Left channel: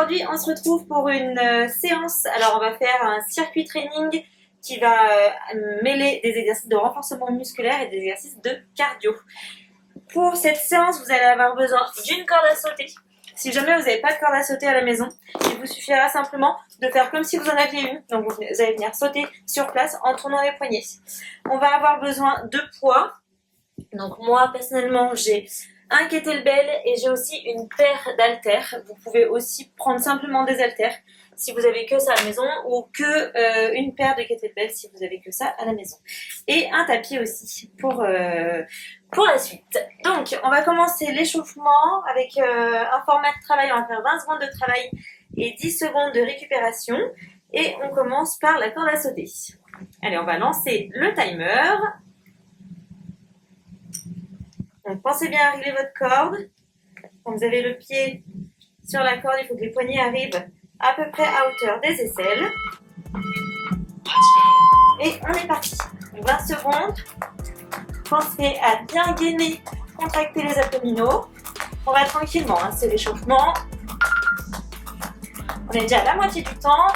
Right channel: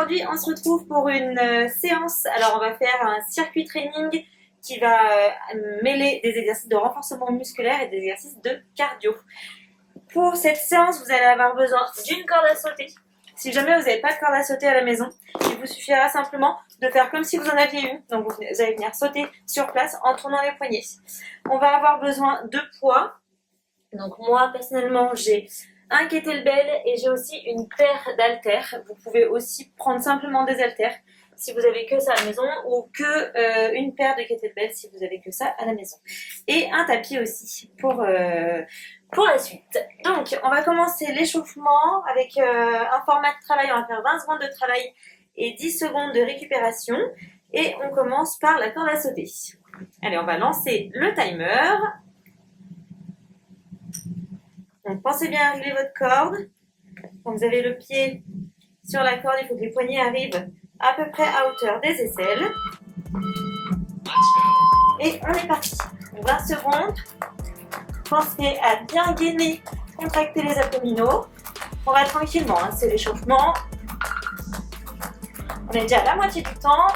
Aujourd'hui, on se retrouve pour une séance. Alors, on va faire un circuit training qui va mêler des exercices de renforcement musculaire et des exercices de cardio. Pour cette séance, vous allez avoir besoin d'une corde à sauter. Si jamais vous n'avez pas de corde à sauter à la maison, il vous suffira simplement de faire comme si vous en aviez une. Donc, vous allez venir sauter sur place en tournant les poignets. On va avoir besoin de poids. Donc, moi, personnellement, j'ai un kettlebell et j'ai aussi une paire d'haltères. Vous pouvez aussi prendre simplement des haltères si vous avez que ça à la maison ou que une paire de kettlebell si vous avez que ça à la maison. Et un tapis aussi pour la suite. Donc, on va commencer l'échauffement avec un format de travail. On va faire 20 secondes de travail et 10 secondes de récupération. Et on commence par la corde à sauter. Allez, on va lancer le timer. Donc, pensez bien à régler votre corde. Quand vous avez le pied sur la corde, il faut que les poignets arrivent à peu près à hauteur des aisselles. Et on est parti. 20 secondes. Pensez à bien gainer, contracter les abdominaux. On va tranquillement, hein, c'est l'échauffement. On est déjà à la moitié du temps.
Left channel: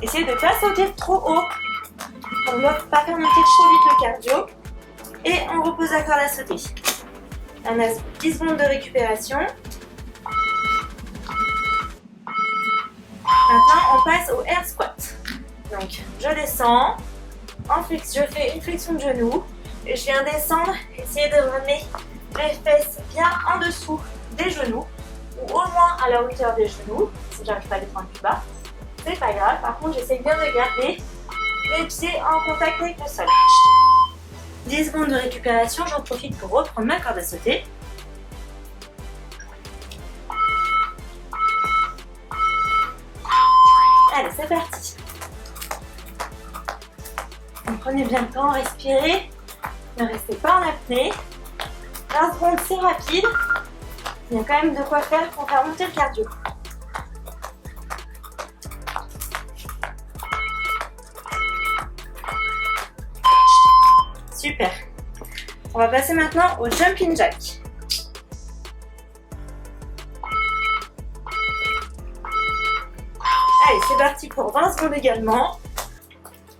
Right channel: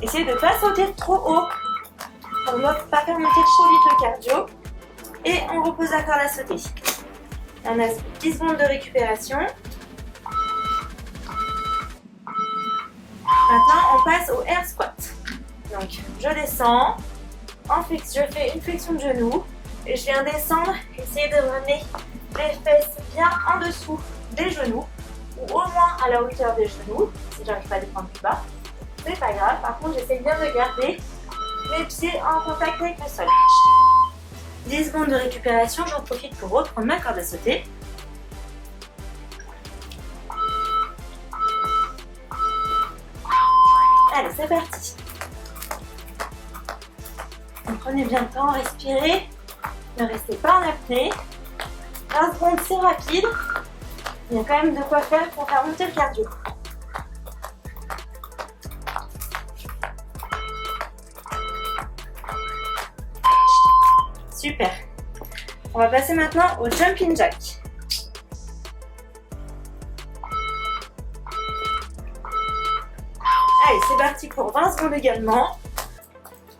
Essayez de ne pas sauter trop haut. On ne va pas faire monter trop vite le cardio. Et on repose la corde à sauter. On a 10 secondes de récupération. Maintenant, on passe au air squat. Donc, je descends. Je fais une flexion de genou. Et je viens descendre. Essayez de ramener les fesses bien en dessous des genoux. Ou au moins à la hauteur des genoux. Si j'arrive pas à les prendre plus bas, c'est pas grave. Par contre, j'essaie bien de garder les pieds en contact avec le sol. 10 secondes de récupération, j'en profite pour reprendre ma corde à sauter. Allez, c'est parti. Donc, prenez bien le temps, respirez. Ne restez pas en apnée. 20 secondes, c'est rapide. Il y a quand même de quoi faire pour faire monter le cardio. Super. On va passer maintenant au jumping jack. Allez, c'est parti pour 20 secondes également.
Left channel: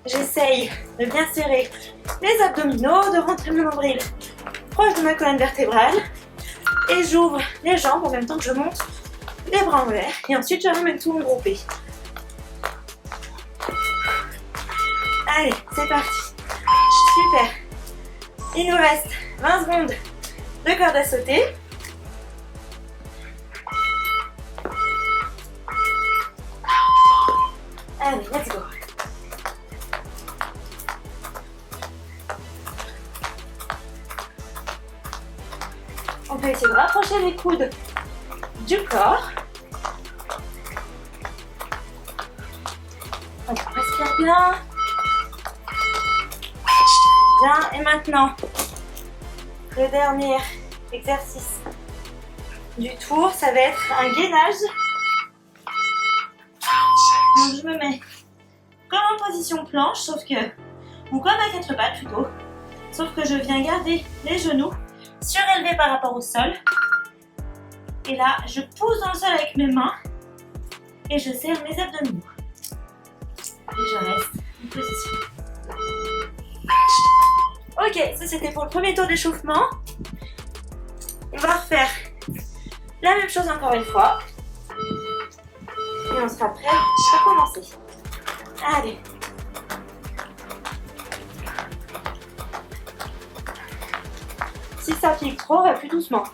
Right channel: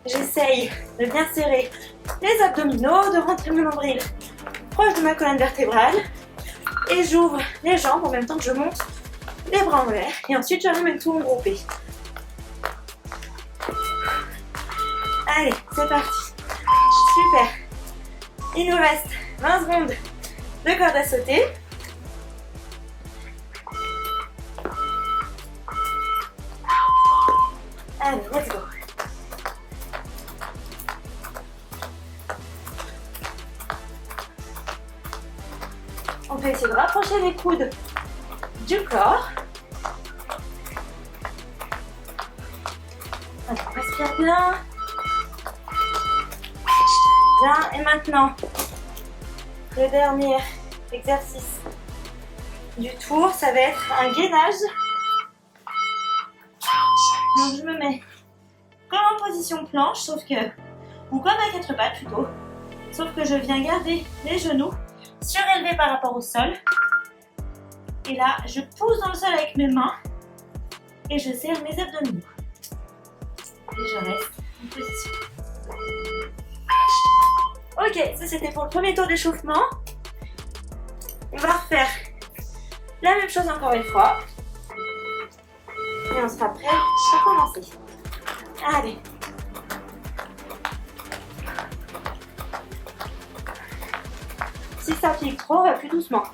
J'essaye de bien serrer les abdominaux, de rentrer mon nombril proche de ma colonne vertébrale. Et j'ouvre les jambes en même temps que je monte les bras en l'air. Et ensuite, je ramène tout regroupé. Allez, c'est parti. Super. Il nous reste 20 secondes de corde à sauter. Allez, let's go. On peut essayer de rapprocher les coudes du corps. Allez, on respire bien. Bien, et maintenant, le dernier exercice du tour, ça va être un gainage. Donc je me mets comme en position planche, ou comme à 4 pattes plutôt, sauf que je viens garder les genoux surélevés par rapport au sol. Et là, je pousse dans le sol avec mes mains et je serre mes abdominaux. Et je reste en position. Ok, ça c'était pour le premier tour d'échauffement. On va refaire la même chose encore une fois. Et on sera prêt à commencer. Allez. Si ça pique trop, on va plus doucement.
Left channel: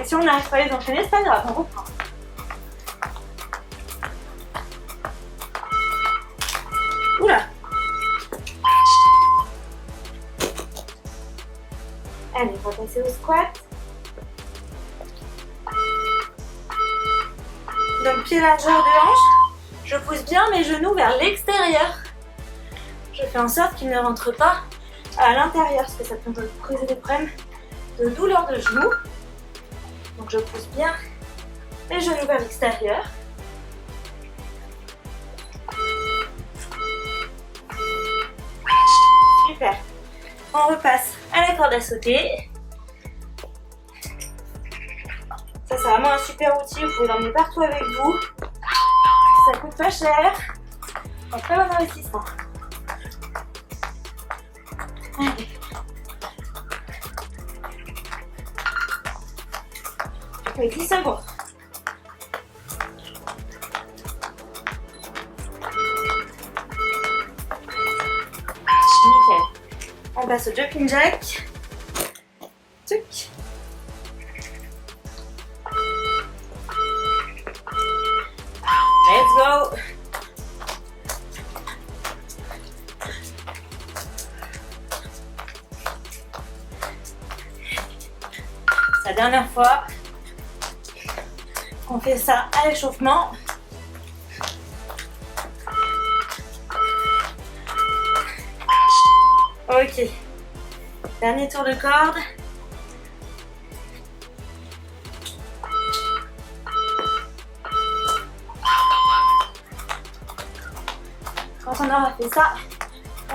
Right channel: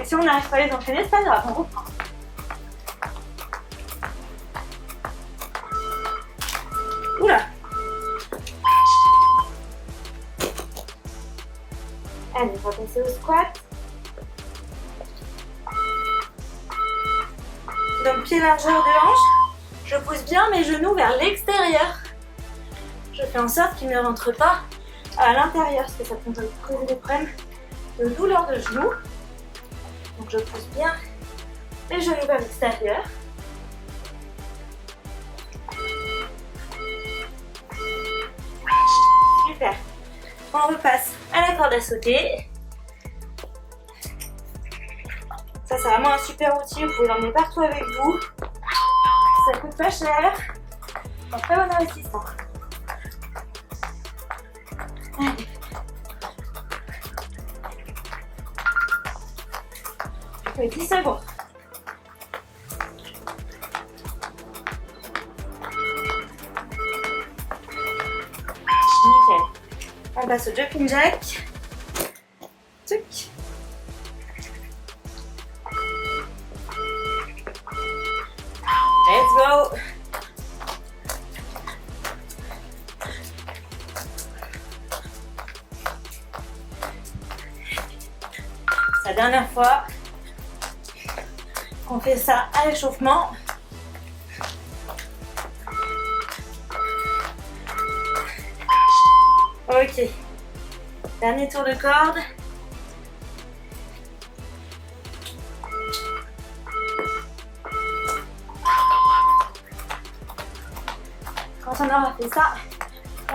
Et si on n'arrive pas à les enchaîner, c'est pas grave, on reprend. Oula. Allez, on va passer au squat. Donc, pied largeur de hanche. Je pousse bien mes genoux vers l'extérieur. Je fais en sorte qu'ils ne rentrent pas à l'intérieur parce que ça peut causer des problèmes de douleur de genoux. Donc, je pousse bien mes genoux vers l'extérieur. Super. On repasse à la corde à sauter. Ça, c'est vraiment un super outil. Vous pouvez l'emmener partout avec vous. Ça coûte pas cher. Un très bon investissement. Allez. Oui, 10 secondes. Nickel. On passe au jumping jack. Tuc. Let's go. C'est la dernière fois qu'on fait ça à l'échauffement. Ok. Dernier tour de corde. Quand on aura fait ça,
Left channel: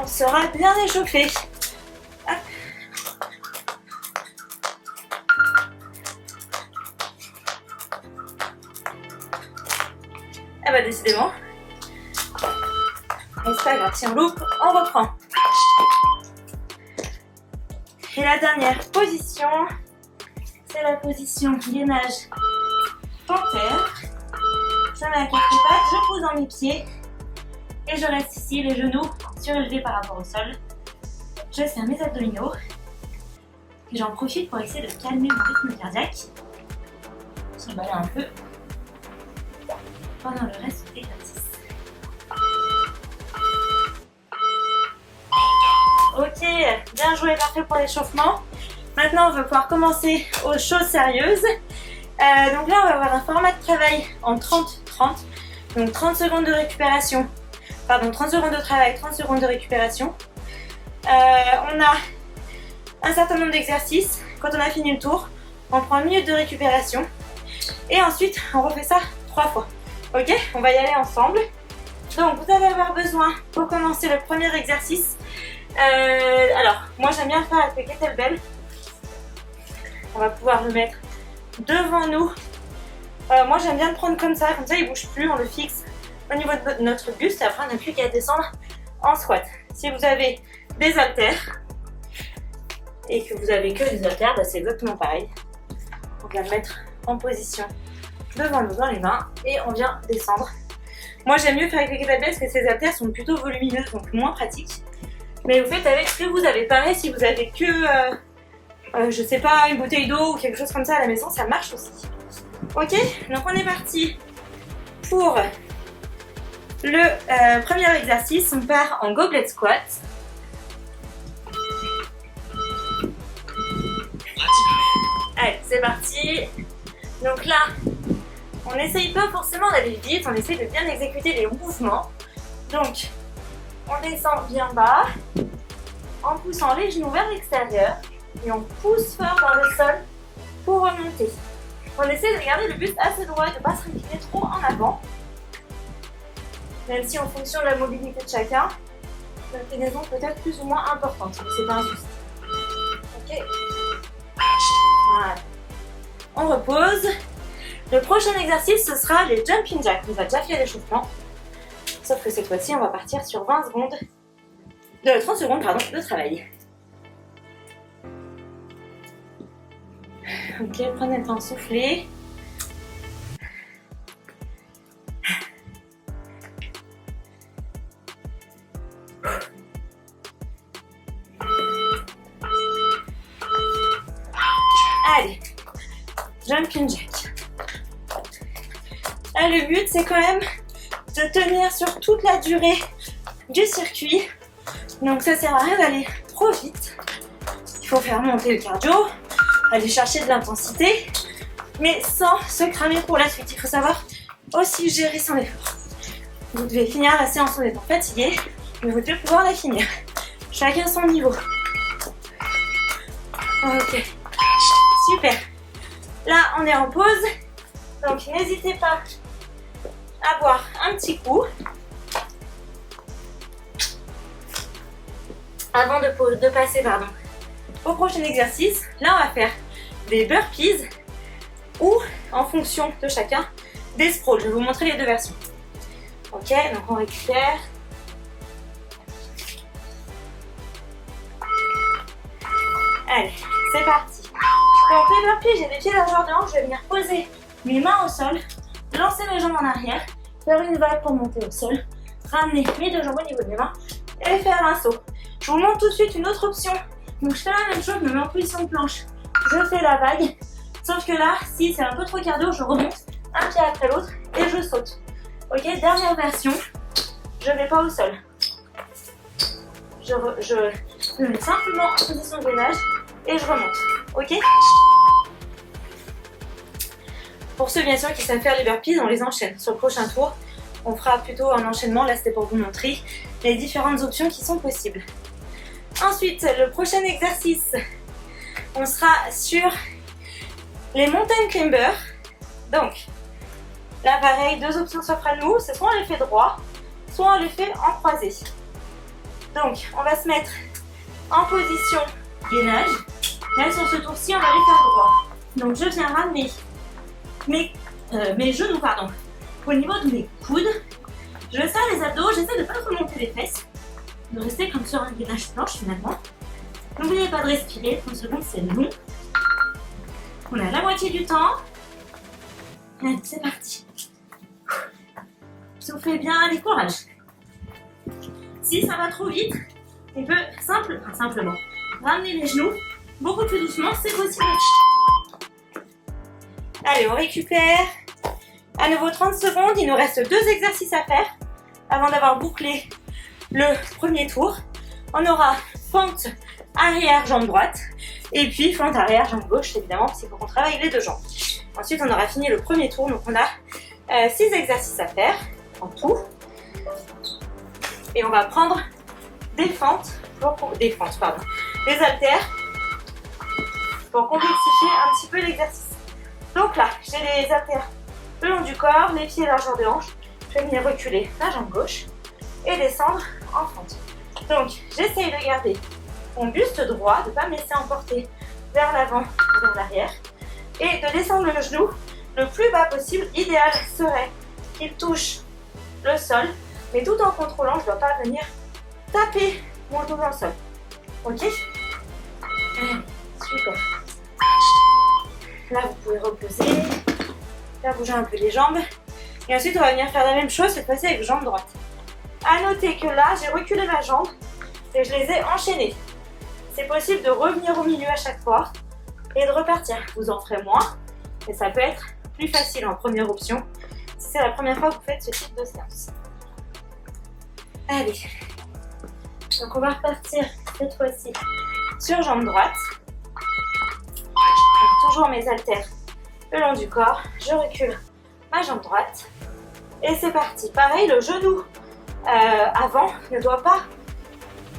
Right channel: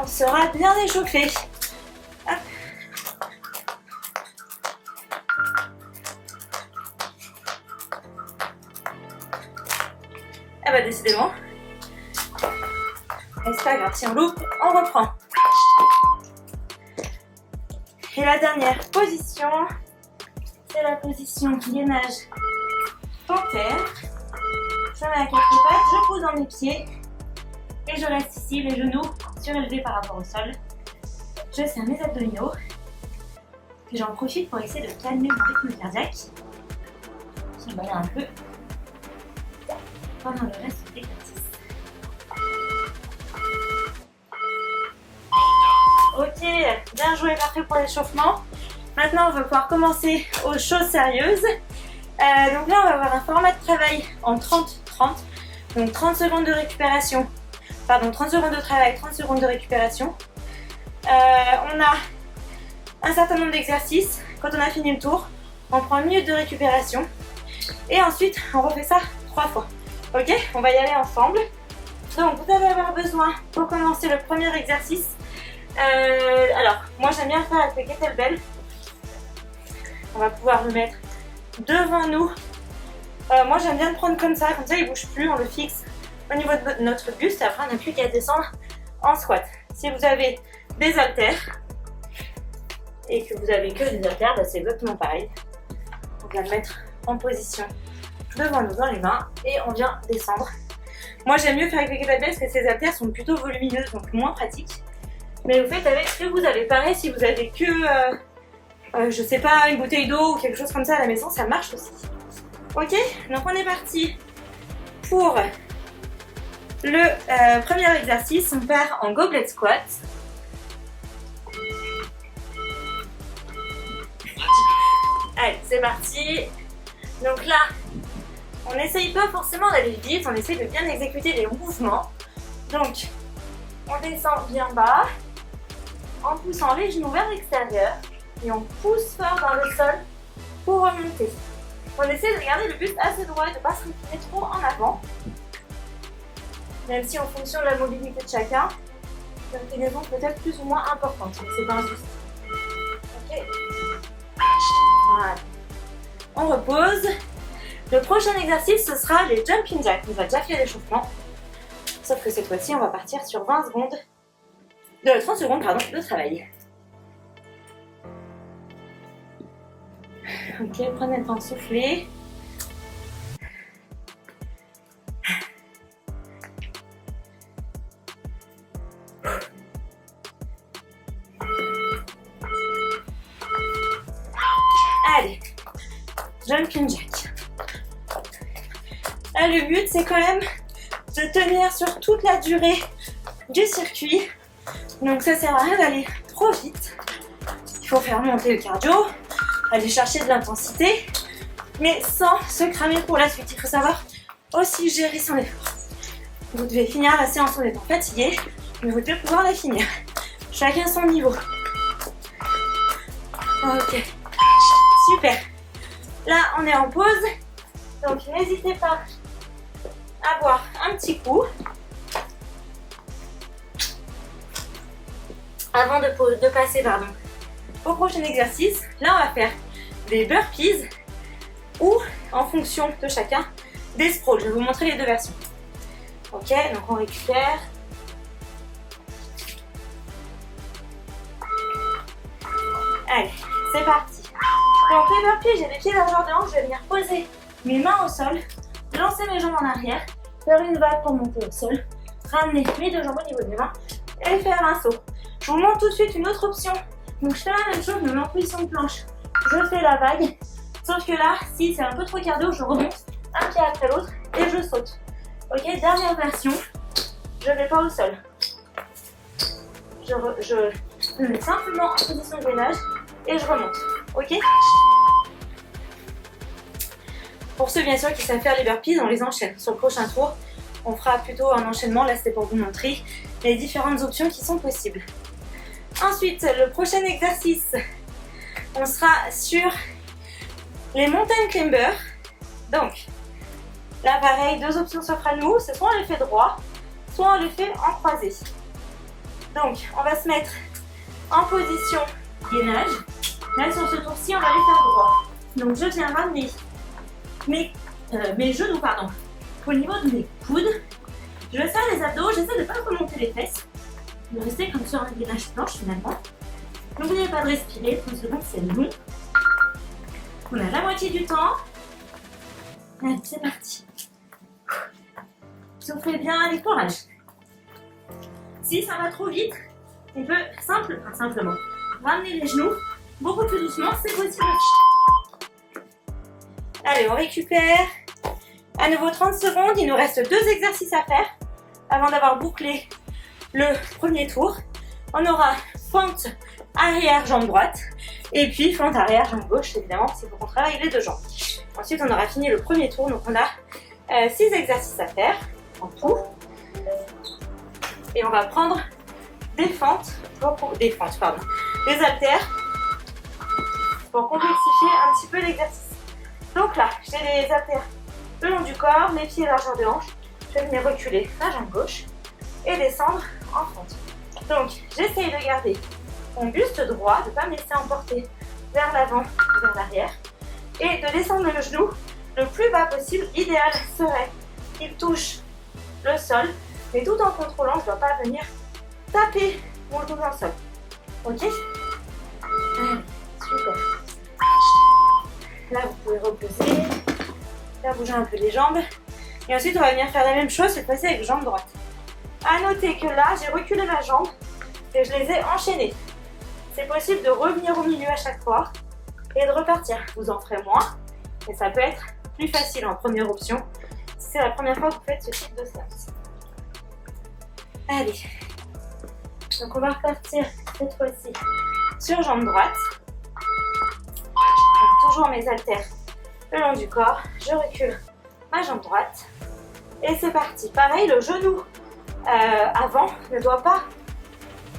on sera bien échauffé. Hop. Ah bah décidément. Mais c'est pas grave, si on loupe, on reprend. Et la dernière position, c'est la position gainage panthère. Je mets à quatre pattes, je pose dans mes pieds et je reste ici, les genoux surélevés par rapport au sol. Je serre mes abdominaux et j'en profite pour essayer de calmer mon rythme cardiaque. S'emballer un peu pendant le reste de l'exercice. Ok, bien joué, parfait pour l'échauffement. Maintenant, on va pouvoir commencer aux choses sérieuses. Donc là, on va avoir un format de travail en 30-30. Donc 30 secondes de récupération. Pardon, 30 secondes de travail, 30 secondes de récupération. On a un certain nombre d'exercices. Quand on a fini le tour, on prend une minute de récupération. Et ensuite, on refait ça 3 fois. Ok, on va y aller ensemble. Donc, vous allez avoir besoin, pour commencer le premier exercice, alors, moi j'aime bien le faire avec les kettlebells. On va pouvoir le mettre devant nous. Moi j'aime bien le prendre comme ça il bouge plus, on le fixe au niveau de notre buste et après on n'a plus qu'à descendre en squat. Si vous avez des haltères et que vous avez que des haltères, bah, c'est exactement pareil. On vient le mettre en position devant nous dans les mains et on vient descendre. Moi j'aime mieux faire avec les kettlebells parce que ces haltères sont plutôt volumineuses, donc moins pratiques. Mais vous faites avec ce que vous avez. Pareil, si vous avez que, je sais pas, une bouteille d'eau ou quelque chose comme ça à la maison, ça marche aussi. Ok, donc on est parti pour le premier exercice. On part en goblet squat. Allez, c'est parti. Donc là, on n'essaye pas forcément d'aller vite, on essaye de bien exécuter les mouvements. Donc, on descend bien bas en poussant les genoux vers l'extérieur et on pousse fort dans le sol pour remonter. On essaie de garder le buste assez droit et de ne pas se recliner trop en avant. Même si en fonction de la mobilité de chacun, l'inclinaison peut être plus ou moins importante, mais c'est pas un souci. Ok. Voilà. On repose. Le prochain exercice, ce sera les jumping jacks. On a déjà fait l'échauffement. Sauf que cette fois-ci, on va partir sur 30 secondes de travail. Ok, prenez le temps de souffler. Allez, jumping jack. Là, le but, c'est quand même de tenir sur toute la durée du circuit. Donc ça sert à rien d'aller trop vite. Il faut faire monter le cardio, aller chercher de l'intensité, mais sans se cramer pour la suite. Il faut savoir aussi gérer son effort. Vous devez finir la séance en étant fatigué, mais vous devez pouvoir la finir. Chacun son niveau. Ok, super. Là, on est en pause, donc n'hésitez pas à boire un petit coup avant de passer au prochain exercice. Là, on va faire des burpees. ou en fonction de chacun des sprawls. Je vais vous montrer les deux versions. Ok, donc on récupère. Allez, c'est parti. Donc les burpees, j'ai les pieds largeur de hanche, je vais venir poser mes mains au sol, lancer mes jambes en arrière, faire une vague pour monter au sol, ramener mes deux jambes au niveau de mes mains et faire un saut. Je vous montre tout de suite une autre option. Donc je fais la même chose, je me mets en position de planche, je fais la vague, sauf que là, si c'est un peu trop cardio, je remonte un pied après l'autre et je saute. Ok, dernière version, je ne vais pas au sol. Je me mets simplement en position de gainage et je remonte. Ok? Pour ceux bien sûr qui savent faire les burpees, on les enchaîne. Sur le prochain tour, on fera plutôt un enchaînement. Là, c'était pour vous montrer les différentes options qui sont possibles. Ensuite, le prochain exercice, on sera sur les mountain climbers. Donc, là, pareil, deux options s'offrent à nous. C'est soit on les fait droit, soit on les fait en croisé. Donc, on va se mettre en position gainage. Là, sur ce tour-ci, on va les faire droit. Donc, je viens ramener mes genoux au niveau de mes coudes. Je serre les abdos, j'essaie de ne pas remonter les fesses, de rester comme sur un gainage planche finalement. N'oubliez pas de respirer, 30 secondes c'est long. On a la moitié du temps. Allez, c'est parti. Soufflez bien, allez, courage. Si ça va trop vite, on peut simplement ramener les genoux beaucoup plus doucement, c'est possible. Allez, on récupère. À nouveau 30 secondes, il nous reste deux exercices à faire avant d'avoir bouclé le premier tour. On aura fente arrière, jambe droite, et puis fente arrière, jambe gauche, évidemment, c'est pour qu'on travaille les deux jambes. Ensuite, on aura fini le premier tour, donc on a 6 exercices à faire en tout. Et on va prendre des haltères pour complexifier un petit peu l'exercice. Donc là, j'ai les haltères le long du corps, les pieds largeur de hanche. Je vais venir reculer la jambe gauche et descendre en fente. Donc, j'essaye de garder mon buste droit, de ne pas me laisser emporter vers l'avant ou vers l'arrière et de descendre le genou le plus bas possible. L'idéal serait qu'il touche le sol, mais tout en contrôlant, je ne dois pas venir taper mon genou dans le sol. Ok? Allez, super. Là, vous pouvez reposer, faire bouger un peu les jambes. Et ensuite, on va venir faire la même chose, cette fois-ci avec jambe droite. À noter que là, j'ai reculé ma jambe et je les ai enchaînées. C'est possible de revenir au milieu à chaque fois et de repartir. Vous en ferez moins, mais ça peut être plus facile en première option si c'est la première fois que vous faites ce type de séance. Allez, donc on va repartir cette fois-ci sur jambe droite. Donc, toujours mes haltères le long du corps, je recule ma jambe droite et c'est parti. Pareil, le genou avant ne doit pas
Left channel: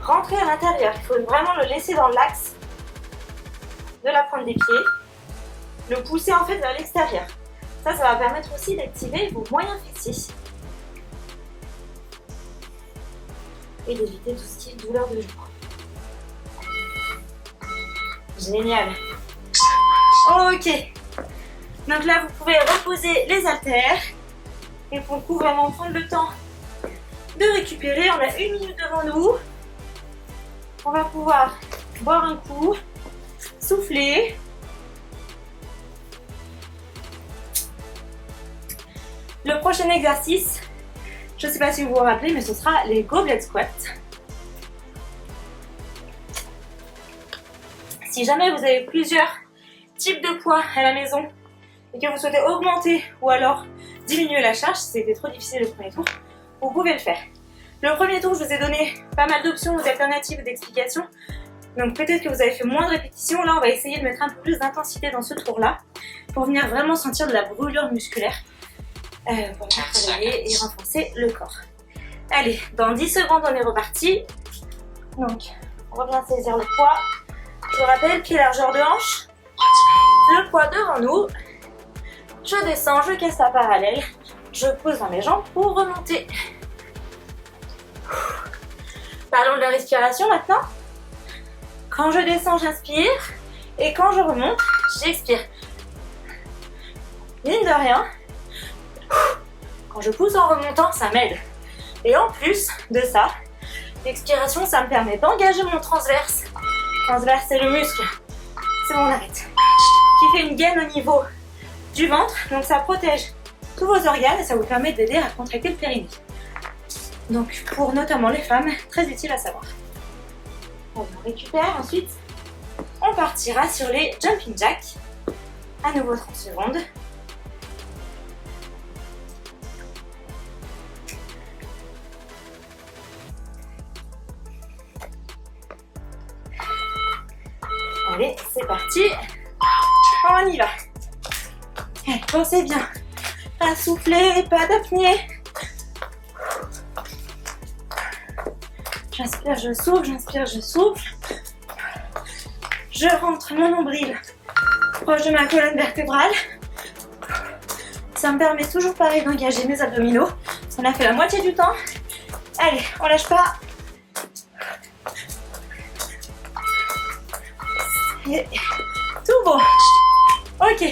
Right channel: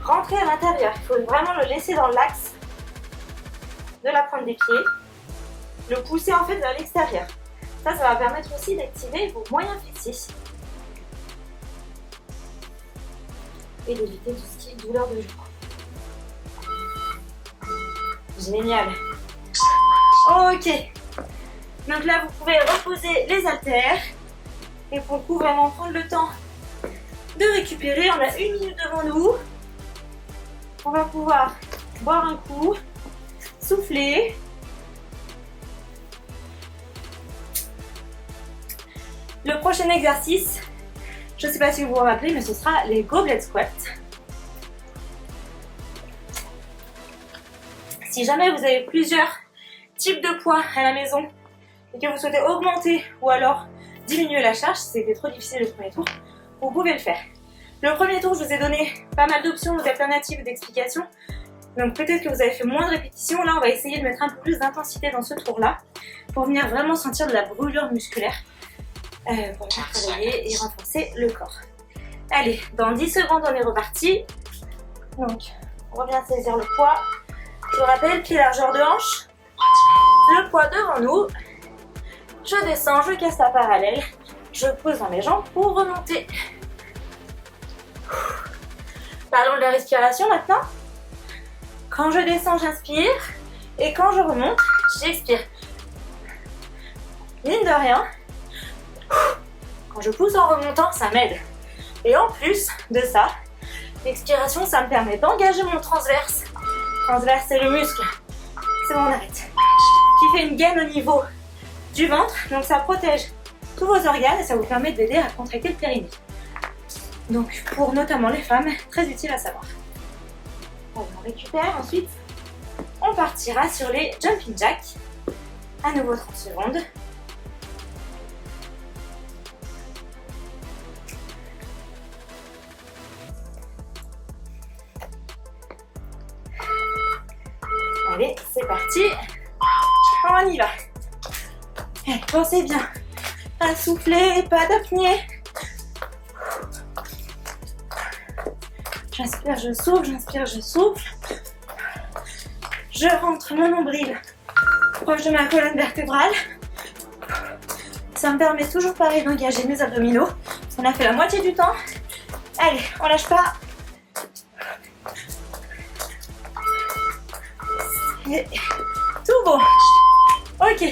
rentrer à l'intérieur, il faut vraiment le laisser dans l'axe de la pointe des pieds, le pousser en fait vers l'extérieur. Ça va permettre aussi d'activer vos moyens fessiers et d'éviter tout ce qui est douleur de genou. Génial. Ok, donc là vous pouvez reposer les haltères et pour le coup vraiment prendre le temps de récupérer. On a 1 minute devant nous, on va pouvoir boire un coup, souffler. Le prochain exercice, je ne sais pas si vous vous rappelez, mais ce sera les goblet squats. Si jamais vous avez plusieurs type de poids à la maison et que vous souhaitez augmenter ou alors diminuer la charge, si c'était trop difficile le premier tour, vous pouvez le faire. Le premier tour, je vous ai donné pas mal d'options, d'alternatives, d'explications. Donc peut-être que vous avez fait moins de répétitions. Là, on va essayer de mettre un peu plus d'intensité dans ce tour-là pour venir vraiment sentir de la brûlure musculaire pour bien travailler et renforcer le corps. Allez, dans 10 secondes, on est reparti. Donc, on revient saisir le poids. Je vous rappelle, pied largeur de hanche. Le poids devant nous, je descends, je casse la parallèle, je pose dans mes jambes pour remonter. Parlons de la respiration maintenant. Quand je descends, j'inspire et quand je remonte, j'expire. mine de rien, quand je pousse en remontant, ça m'aide. Et en plus de ça, l'expiration, ça me permet d'engager mon transverse. Transverse, c'est le muscle. C'est mon arrête. Qui fait une gaine au niveau du ventre. Donc ça protège tous vos organes et ça vous permet d'aider à contracter le périnée. Donc pour notamment les femmes, très utile à savoir. On récupère ensuite. On partira sur les jumping jacks. À nouveau 30 secondes. Allez, c'est parti. On y va. Allez, pensez bien à souffler, pas d'apnée. J'inspire, je souffle, j'inspire, je souffle. Je rentre mon nombril proche de ma colonne vertébrale. Ça me permet toujours pareil d'engager mes abdominaux. On a fait la moitié du temps. Allez, on lâche pas. Et tout beau. Ok.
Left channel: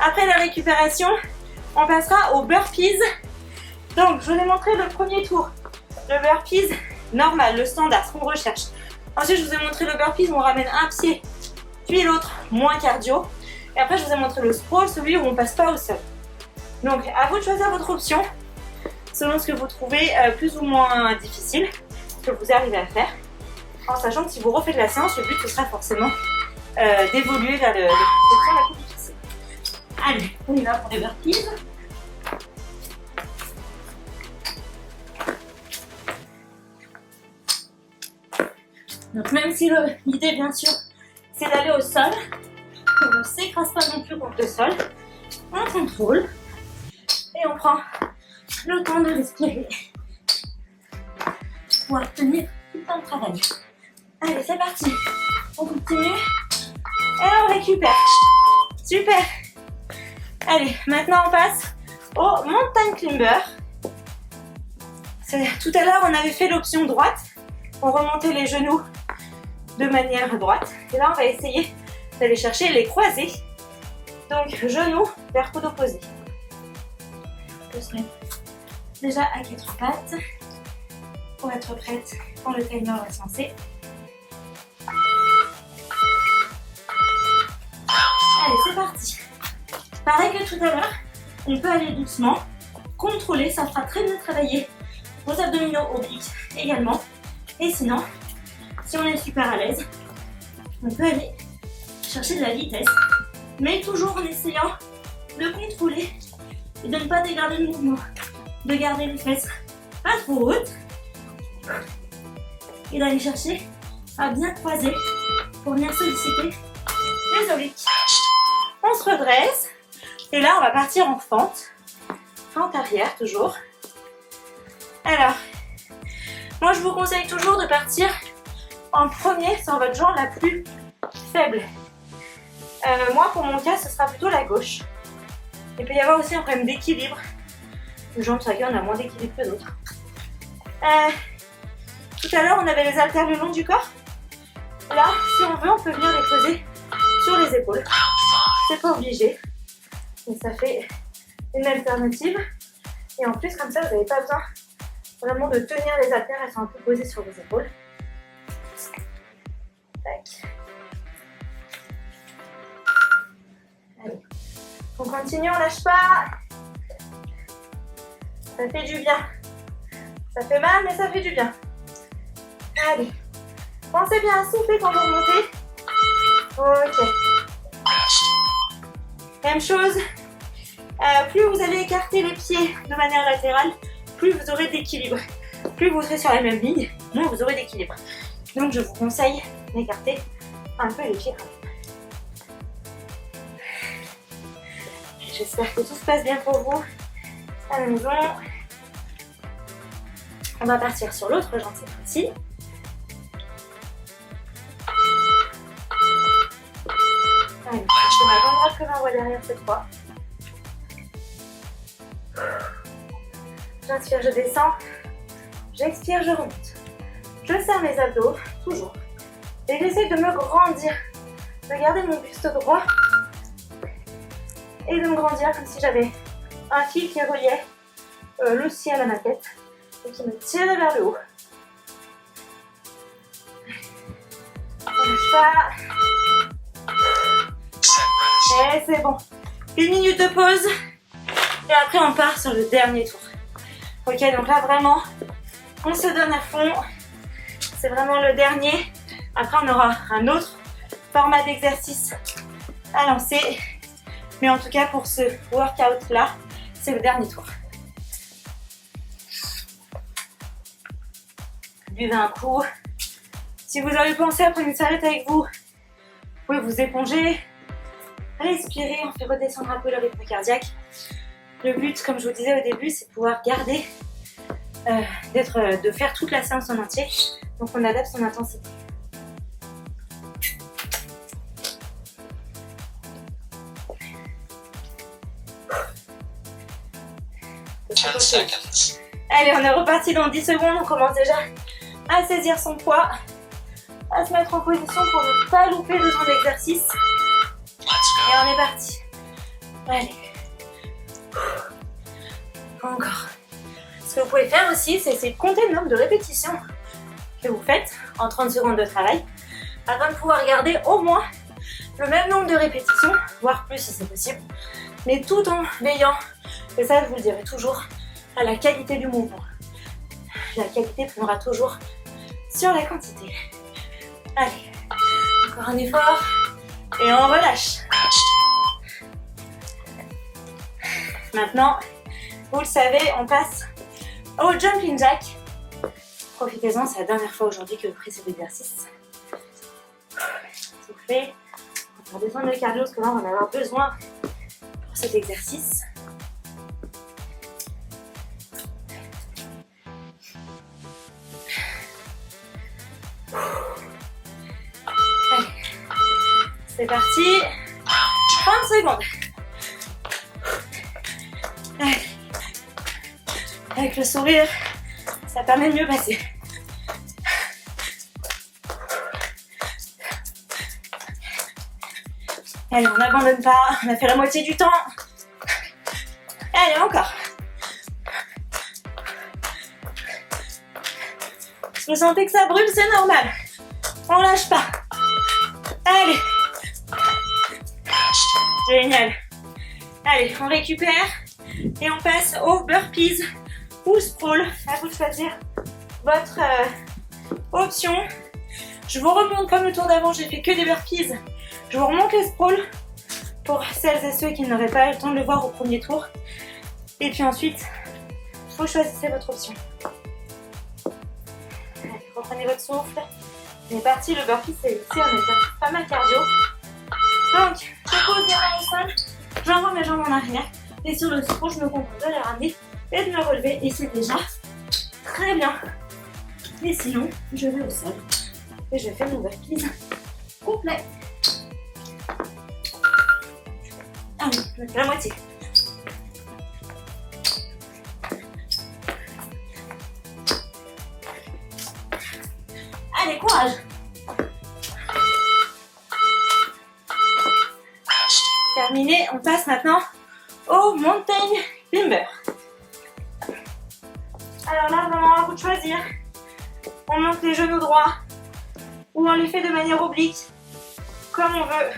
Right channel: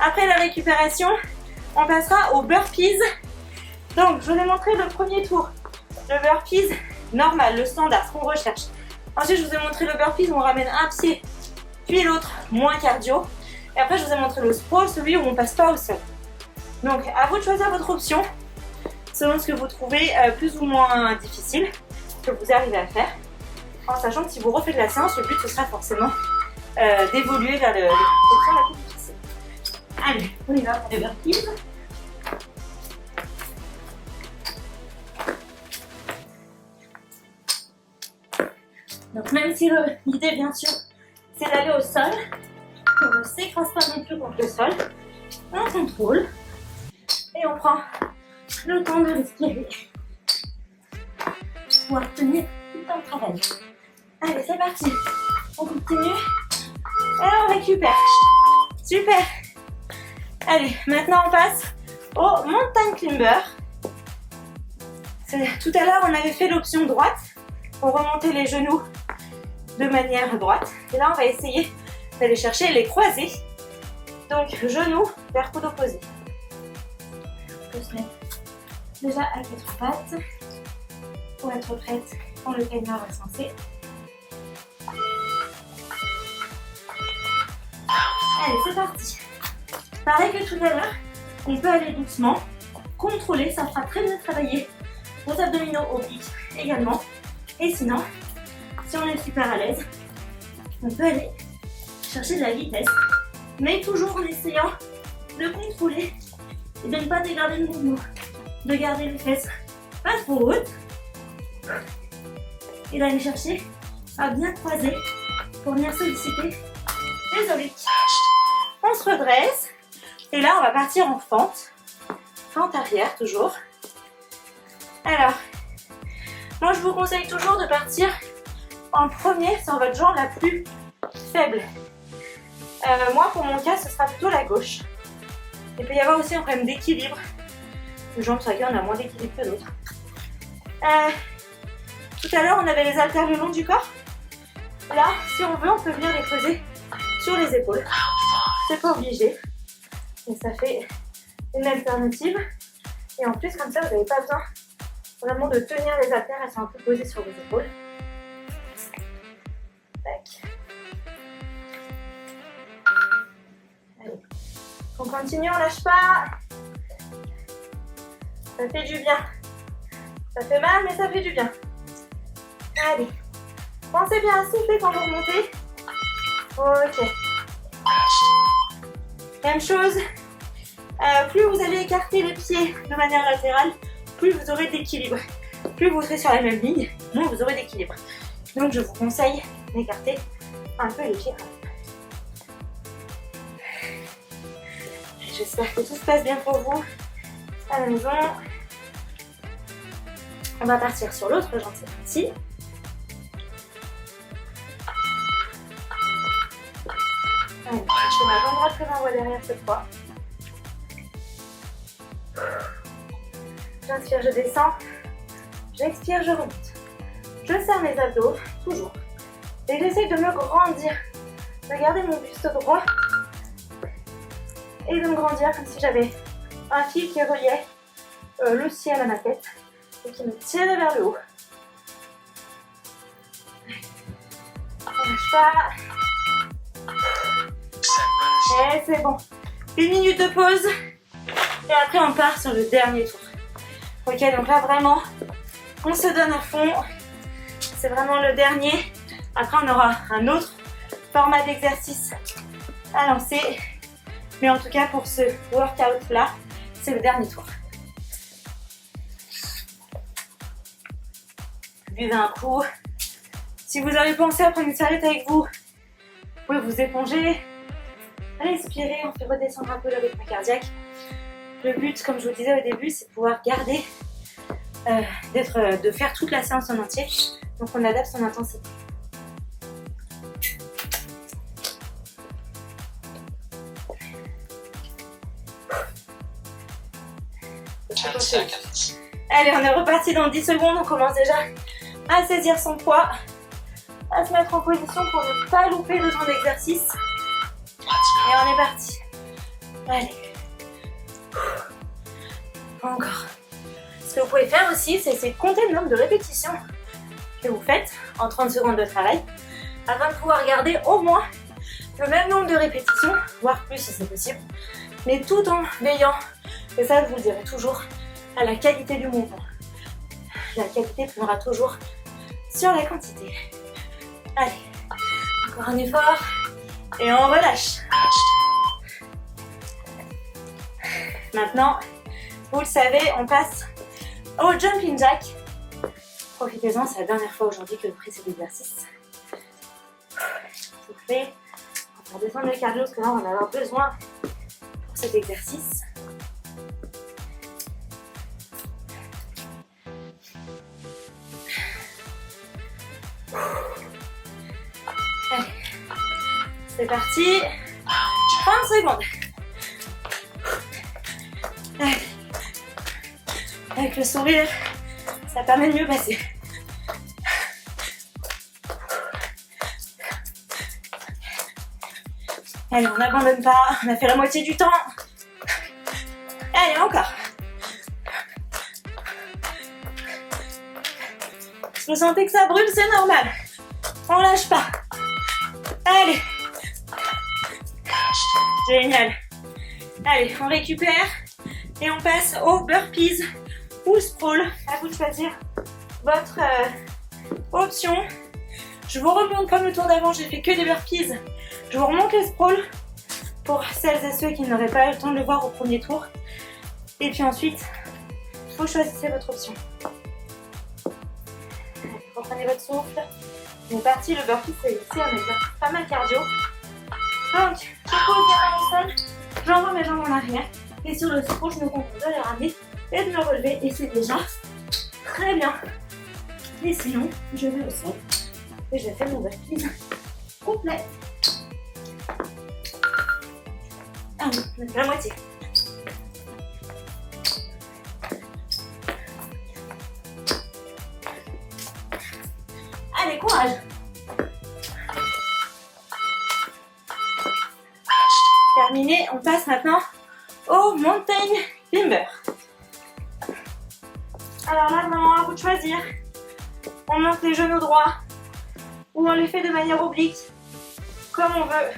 Après la récupération, on passera aux burpees. Donc, je vous ai montré le premier tour. Le burpees normal, le standard, ce qu'on recherche. Ensuite, je vous ai montré le burpees où on ramène un pied, puis l'autre, moins cardio. Et après, je vous ai montré le sprawl, celui où on passe pas au sol. Donc, à vous de choisir votre option, selon ce que vous trouvez plus ou moins difficile, ce que vous arrivez à faire. En sachant que si vous refaites la séance, le but, ce sera forcément d'évoluer vers l'option la plus difficile. Allez, on y va pour les burpees. Donc même si l'idée bien sûr c'est d'aller au sol, on ne s'écrase pas non plus contre le sol, on contrôle et on prend le temps de respirer pour obtenir tout le temps de travail. Allez, c'est parti, on continue et on récupère. Super. Allez, maintenant on passe au mountain climber. Tout à l'heure on avait fait l'option droite, on remontait les genoux de manière droite. Et là, on va essayer d'aller chercher les croisés. Donc, genoux vers coude opposé. On peut se mettre déjà à 4 pattes pour être prête quand le timer va se lancer. Allez, c'est parti. Pareil que tout à l'heure, on peut aller doucement, contrôler, ça fera très bien travailler vos abdominaux obliques également. Et sinon, si on est super à l'aise, on peut aller chercher de la vitesse, mais toujours en essayant de contrôler et de ne pas dégarder le mouvement, de garder les fesses pas trop hautes et d'aller chercher à bien croiser pour venir solliciter les obliques. On se redresse et là on va partir en fente arrière toujours. Alors, moi je vous conseille toujours de partir en premier sur votre jambe la plus faible. Moi, pour mon cas, ce sera plutôt la gauche. Il peut y avoir aussi un problème d'équilibre. Les jambes sur lesquelles on a moins d'équilibre que d'autres. Tout à l'heure, on avait les haltères le long du corps. Là, si on veut, on peut venir les poser sur les épaules. C'est pas obligé. Mais ça fait une alternative. Et en plus, comme ça, vous n'avez pas besoin vraiment de tenir les haltères. Elles sont un peu posées sur vos épaules. Tac. Allez. On continue, on lâche pas. Ça fait du bien. Ça fait mal, mais ça fait du bien. Allez. Pensez bien à souffler quand vous remontez. Ok. Même chose. Plus vous allez écarter les pieds de manière latérale, plus vous aurez d'équilibre. Plus vous serez sur la même ligne, moins vous aurez d'équilibre. Donc je vous conseille d'écarter un peu les pieds quand même. J'espère que tout se passe bien pour vous à la maison. On va partir sur l'autre jambe cette fois-ci. Allez, je fais ma jambe droite que j'envoie derrière cette fois. J'inspire, je descends. J'expire, je remonte. Je serre mes abdos, toujours. Et j'essaie de me grandir, de garder mon buste droit et de me grandir comme si j'avais un fil qui reliait le ciel à ma tête et qui me tirait vers le haut. On lâche pas. Et c'est bon. 1 minute de pause. Et après on part sur le dernier tour. Ok, donc là vraiment, on se donne à fond. C'est vraiment le dernier. Après on aura un autre format d'exercice à lancer. Mais en tout cas pour ce workout là, c'est le dernier tour. Buvez un coup. Si vous avez pensé à prendre une serviette avec vous, vous pouvez vous éponger. Respirez, on fait redescendre un peu le rythme cardiaque. Le but, comme je vous disais au début, c'est de pouvoir garder, de faire toute la séance en entier. Donc on adapte son intensité. Allez, on est reparti dans 10 secondes. On commence déjà à saisir son poids, à se mettre en position pour ne pas louper le temps d'exercice. Et on est parti. Allez. Encore. Ce que vous pouvez faire aussi, c'est essayer de compter le nombre de répétitions que vous faites en 30 secondes de travail afin de pouvoir garder au moins le même nombre de répétitions, voire plus si c'est possible, mais tout en veillant, et ça je vous le dirai toujours, à la qualité du mouvement. La qualité primera toujours sur la quantité. Allez, encore un effort et on relâche. Maintenant, vous le savez, on passe au jumping jack. Profitez-en, c'est la dernière fois aujourd'hui que vous ferez cet exercice. Soufflez, on va faire descendre le cardio parce que là on va en avoir besoin pour cet exercice. Allez, c'est parti. 30 secondes. Allez. Avec le sourire, ça permet de mieux passer. Allez, on n'abandonne pas, on a fait la moitié du temps. Allez, encore. Si vous sentez que ça brûle, c'est normal. On lâche pas. Allez. Génial. Allez, on récupère et on passe aux burpees ou sprawl. À vous de choisir votre option. Je vous remonte comme le tour d'avant, j'ai fait que des burpees. Je vous remonte les sprawls pour celles et ceux qui n'auraient pas eu le temps de le voir au premier tour. Et puis ensuite, vous choisissez votre option. Allez, reprenez votre souffle. On est parti, le burpee c'est ici, on exerce pas mal cardio. Donc, je pose les mains au sol, j'envoie mes jambes en arrière. Et sur le sprawl, je me contente de les ramener et de me relever. Et c'est déjà très bien. Et sinon, je vais au sol et je fais mon burpee complet. Allez, on fait la moitié. Allez, courage. Terminé, on passe maintenant au mountain climber. Alors là, vraiment, à vous de choisir. On monte les genoux droits ou on les fait de manière oblique, comme on veut.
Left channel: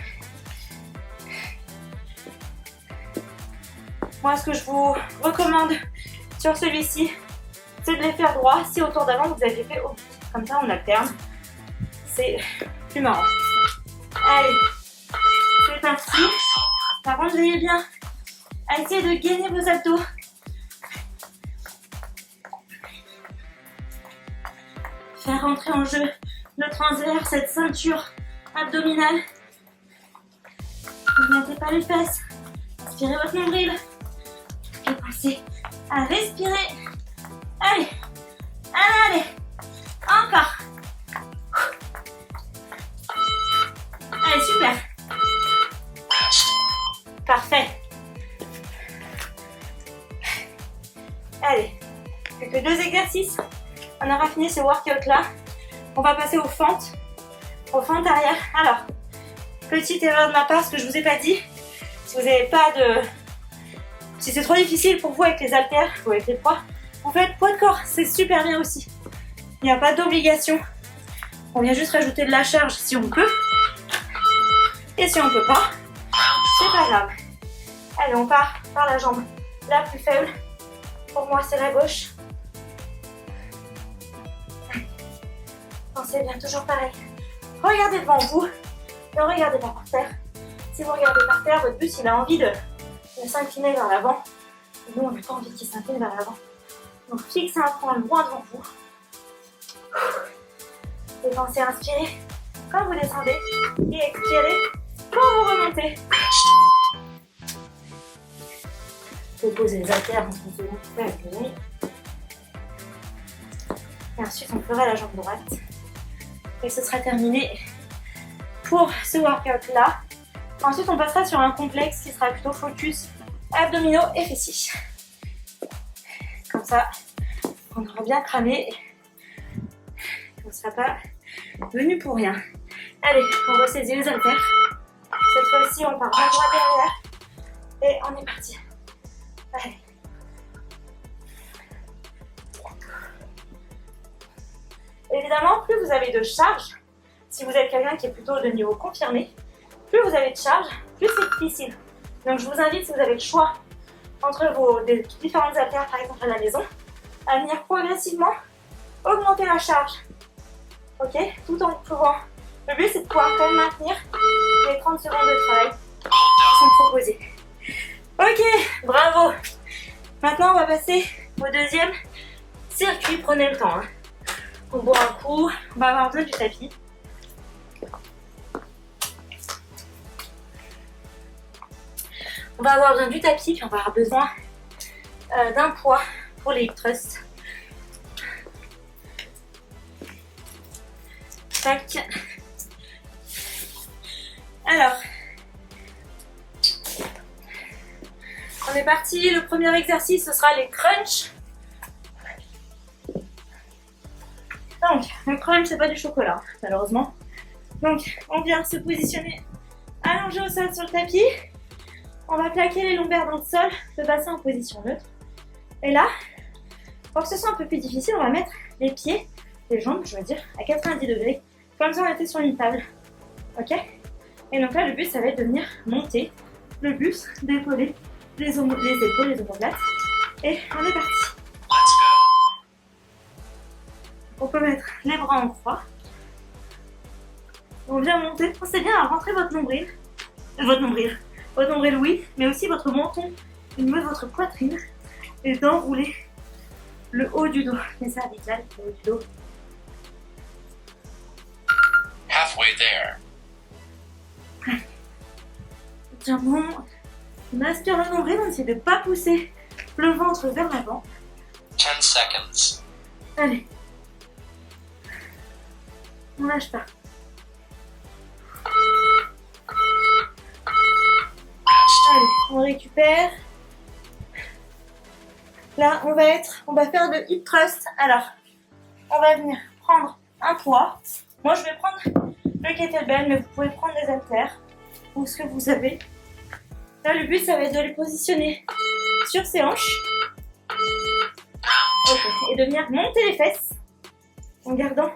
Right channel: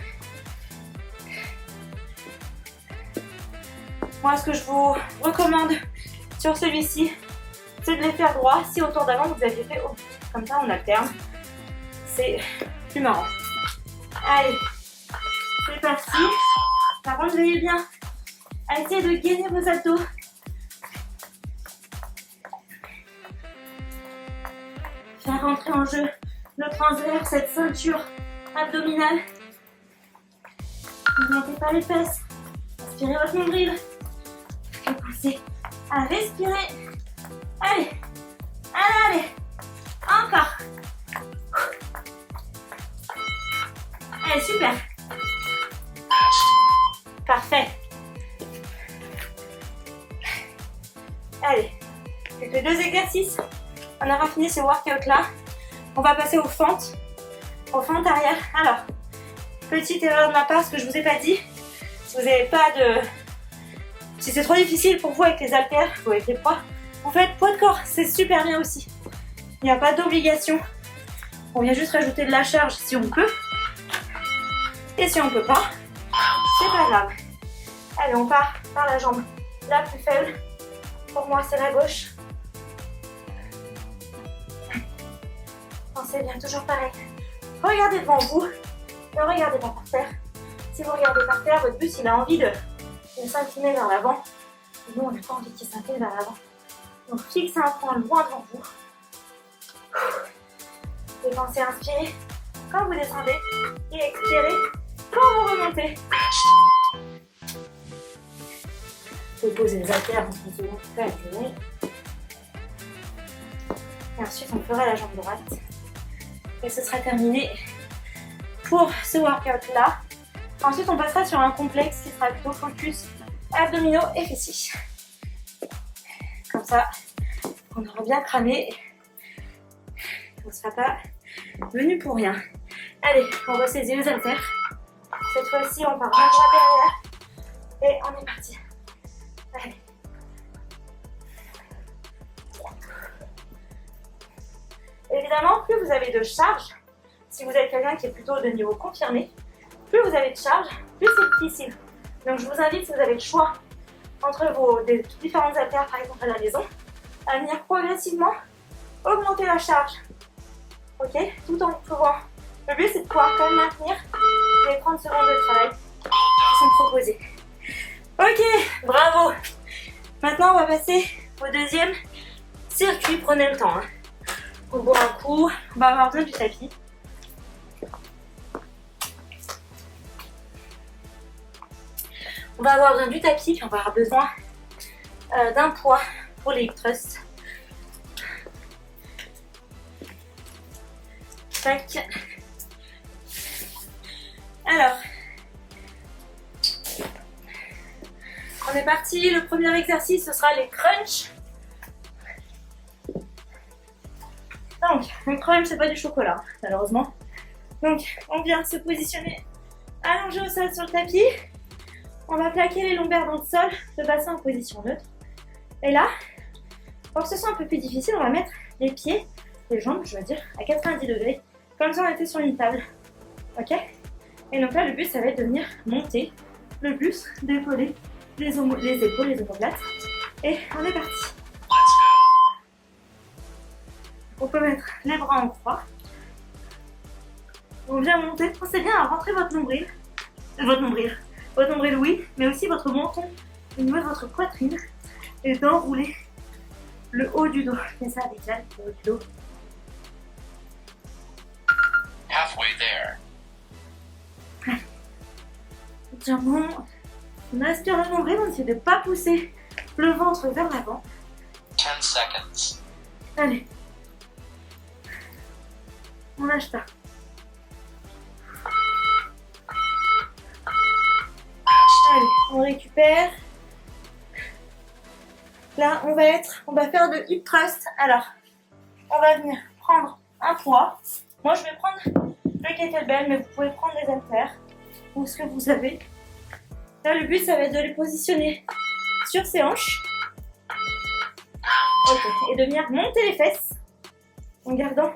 Moi, ce que je vous recommande sur celui-ci, c'est de les faire droits. Si au tour d'avant, vous aviez fait oblique. Comme ça, on alterne. C'est plus marrant. Allez, c'est parti. Par contre, veillez bien à essayer de gainer vos abdos. Faire rentrer en jeu le transverse, cette ceinture abdominale. Ne montez pas les fesses. Inspirez votre nombril. Et pensez à respirer. Allez, allez, encore. Allez, super. Parfait. Allez, plus que 2 exercices. On aura fini ce workout là. On va passer aux fentes arrière. Alors, petite erreur de ma part, ce que je vous ai pas dit, Si vous n'avez pas de... Si c'est trop difficile pour vous avec les haltères ou avec les poids, vous faites poids de corps, c'est super bien aussi. Il n'y a pas d'obligation. On vient juste rajouter de la charge si on peut. Et si on peut pas, c'est pas grave. Allez, on part par la jambe la plus faible. Pour moi, c'est la gauche. Pensez bien, toujours pareil. Regardez devant vous. Ne regardez pas par terre. Si vous regardez par terre, votre bus, il a envie de s'incliner vers l'avant. Nous, on n'a pas envie qu'il s'incline vers l'avant. Donc, fixez un point loin devant vous. Et pensez à inspirer quand vous descendez et expirez quand vous remontez. Vous posez les haltères en 10 secondes pour incliner. Et ensuite, on fera la jambe droite. Et ce sera terminé pour ce workout-là. Ensuite, on passera sur un complexe qui sera plutôt focus abdominaux et fessiers. Comme ça, on aura bien cramé. On ne sera pas venu pour rien. Allez, on ressaisit les haltères. Cette fois-ci, on part main droite derrière. Et on est parti. Allez. Évidemment, plus vous avez de charge, si vous êtes quelqu'un qui est plutôt de niveau confirmé, plus vous avez de charge, plus c'est difficile. Donc je vous invite, si vous avez le choix entre vos différentes haltères, par exemple à la maison, à venir progressivement augmenter la charge. Ok, tout en pouvant. Le but, c'est de pouvoir quand même maintenir les 30 secondes de travail qui sont proposées. Ok, bravo. Maintenant, on va passer au deuxième circuit. Prenez le temps. On boit un coup. On va avoir besoin du tapis. On va avoir besoin du tapis, puis on va avoir besoin d'un poids pour les hip thrusts. Tac. Alors, on est parti. Le premier exercice, ce sera les crunchs. Donc, le crunch, c'est pas du chocolat, malheureusement. Donc, on vient se positionner allongé au sol sur le tapis. On va plaquer les lombaires dans le sol, le bassin en position neutre. Et là, pour que ce soit un peu plus difficile, on va mettre les pieds, les jambes, je veux dire, à 90 degrés, comme si on était sur une table. Ok? Et donc là, le but, ça va être de venir monter le buste, d'épauler les épaules, les omoplates. Et on est parti. On peut mettre les bras en croix. On vient monter. Pensez bien à rentrer votre nombril. Votre nombril, oui, mais aussi votre menton au niveau de votre poitrine. Et d'enrouler le haut du dos. Les cervicales, le haut du dos. Halfway there. Tiens bon. On aspire le nombril, on essaie de ne pas pousser le ventre vers l'avant. 10 seconds. Allez. On lâche pas. Allez, on récupère. Là, on va faire le hip thrust. Alors, on va venir prendre un poids. Moi, je vais prendre le kettlebell, mais vous pouvez prendre des haltères ou ce que vous avez. Là, le but, ça va être de les positionner sur ses hanches. Ok, et de venir monter les fesses en gardant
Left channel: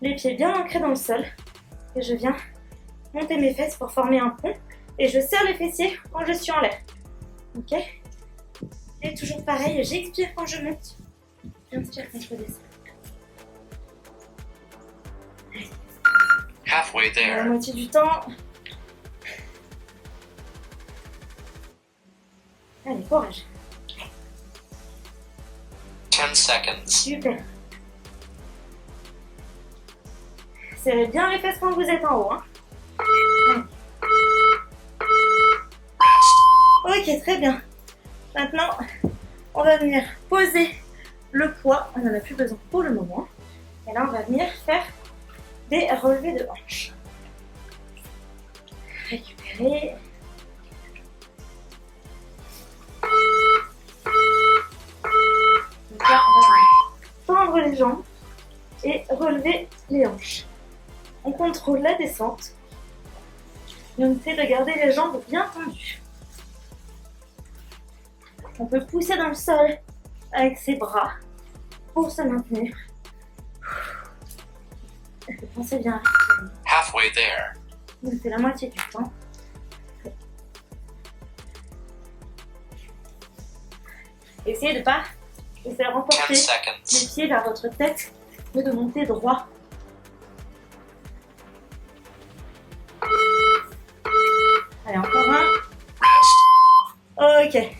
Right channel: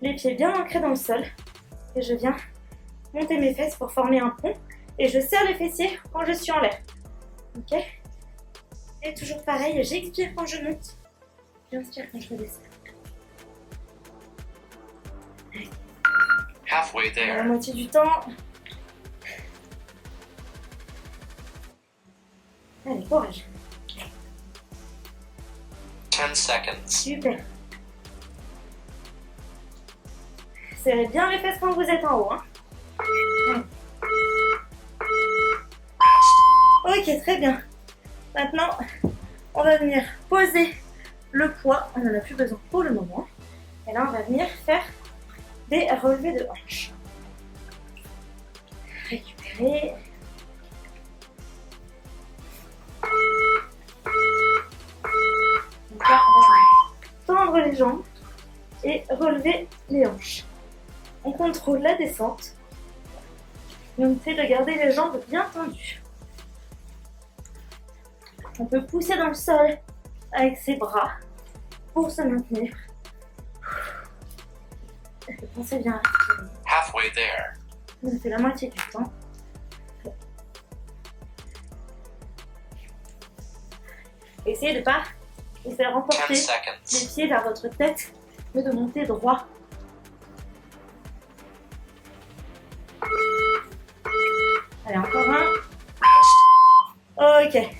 les pieds bien ancrés dans le sol. Et je viens monter mes fesses pour former un pont. Et je serre les fessiers quand je suis en l'air. Ok? Et toujours pareil, j'expire quand je monte. J'inspire quand je redescends. Halfway À la there. moitié du temps. Allez, courage. 10 seconds. Super. Serrez bien les fesses quand vous êtes en haut. Hein. Ok, très bien. Maintenant, on va venir poser le poids. On n'en a plus besoin pour le moment. Et là, on va venir faire des relevés de hanches. Récupérer. Donc là, on va tendre les jambes et relever les hanches. On contrôle la descente et on essaie de garder les jambes bien tendues. On peut pousser dans le sol avec ses bras pour se maintenir. Pensez bien à respirer. Halfway there. On fait la moitié du temps. Essayez de ne pas vous faire 10 emporter les seconds. pieds vers votre tête, mais de monter droit. Allez, encore un. Rest. Ok,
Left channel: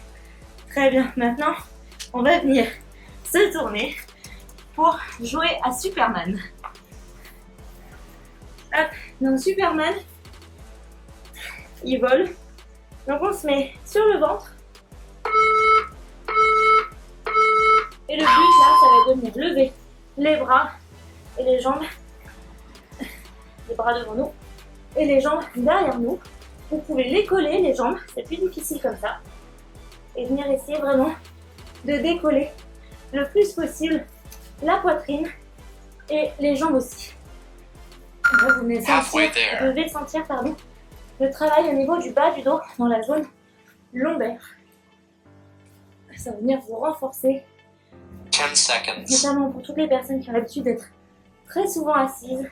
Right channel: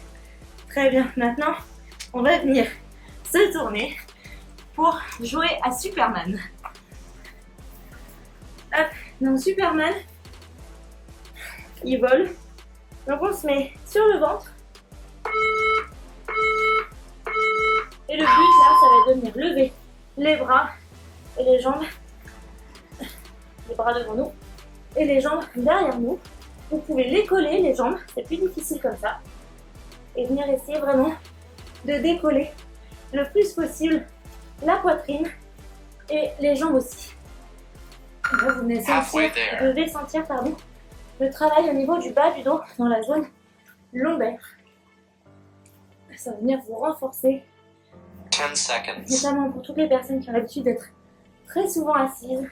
très bien. Maintenant, on va venir se tourner pour jouer à Superman. Hop, donc Superman, il vole. Donc on se met sur le ventre. Et le but là, ça va devenir lever les bras et les jambes. Les bras devant nous et les jambes derrière nous. Vous pouvez les coller, les jambes, c'est plus difficile comme ça. Et venir essayer vraiment de décoller le plus possible la poitrine et les jambes aussi. Et là, vous devez sentir le travail au niveau du bas du dos, dans la zone lombaire. Ça va venir vous renforcer, 10 seconds. notamment pour toutes les personnes qui ont l'habitude d'être très souvent assises,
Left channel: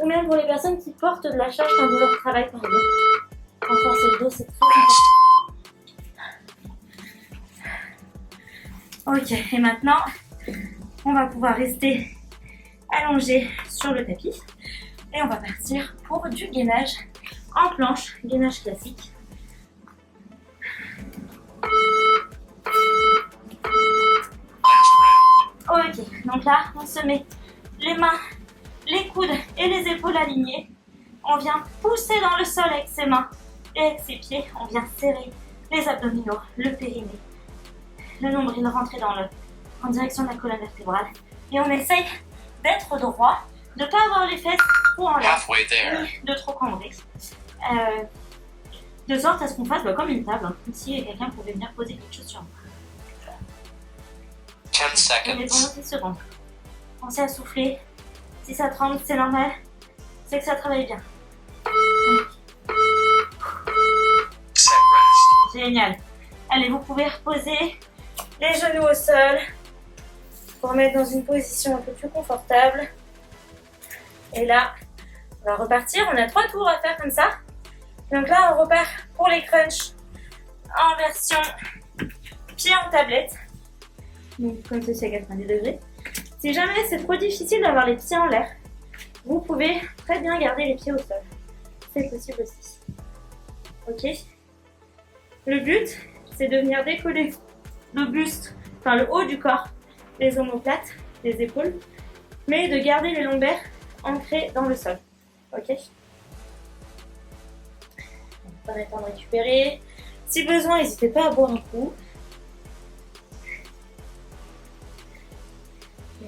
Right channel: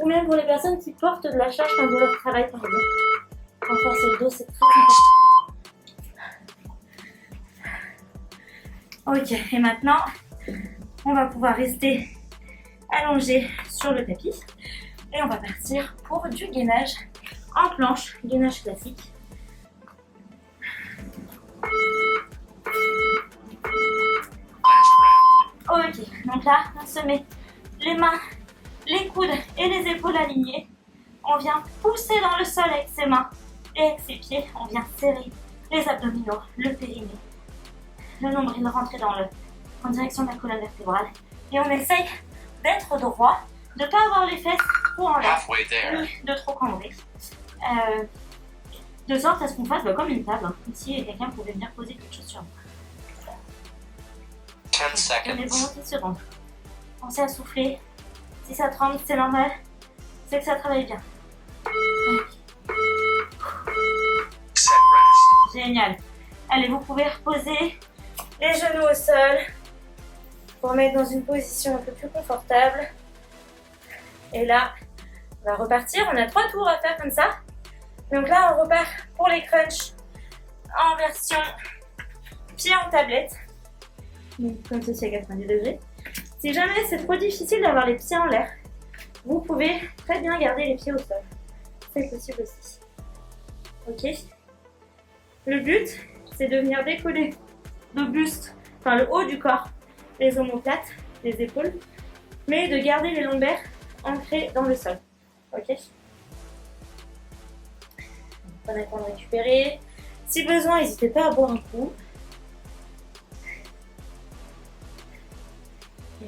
ou même pour les personnes qui portent de la charge quand vous leur travaillez par exemple. Renforcer le dos, c'est très important. Ok, et maintenant, on va pouvoir rester allongé sur le tapis et on va partir pour du gainage en planche, gainage classique. Ok, donc là, on se met les mains, les coudes et les épaules alignées. On vient pousser dans le sol avec ses mains et avec ses pieds. On vient serrer les abdominaux, le périnée, le nombril, rentrer en direction de la colonne vertébrale. Et on essaye d'être droit, de ne pas avoir les fesses trop en l'air, Halfway there. ni de trop cambrer. De sorte à ce qu'on fasse comme une table, comme si quelqu'un pouvait venir poser quelque chose sur nous. 10 Prenez seconds. pendant 10 secondes. Pensez à souffler. Si ça tremble, c'est normal. C'est que ça travaille bien. Set rest. Génial. Allez, vous pouvez reposer les genoux au sol pour mettre dans une position un peu plus confortable. Et là, on va repartir. On a 3 tours à faire comme ça. Donc là, on repart pour les crunchs en version pied en tablette. Donc, comme ceci à 90 degrés. Si jamais c'est trop difficile d'avoir les pieds en l'air, vous pouvez très bien garder les pieds au sol. C'est possible aussi. Ok. Le but, c'est de venir décoller le buste, enfin le haut du corps, les omoplates, les épaules, mais de garder les lombaires ancrés dans le sol. Ok. Prenez le temps de récupérer. Si besoin, n'hésitez pas à boire un coup.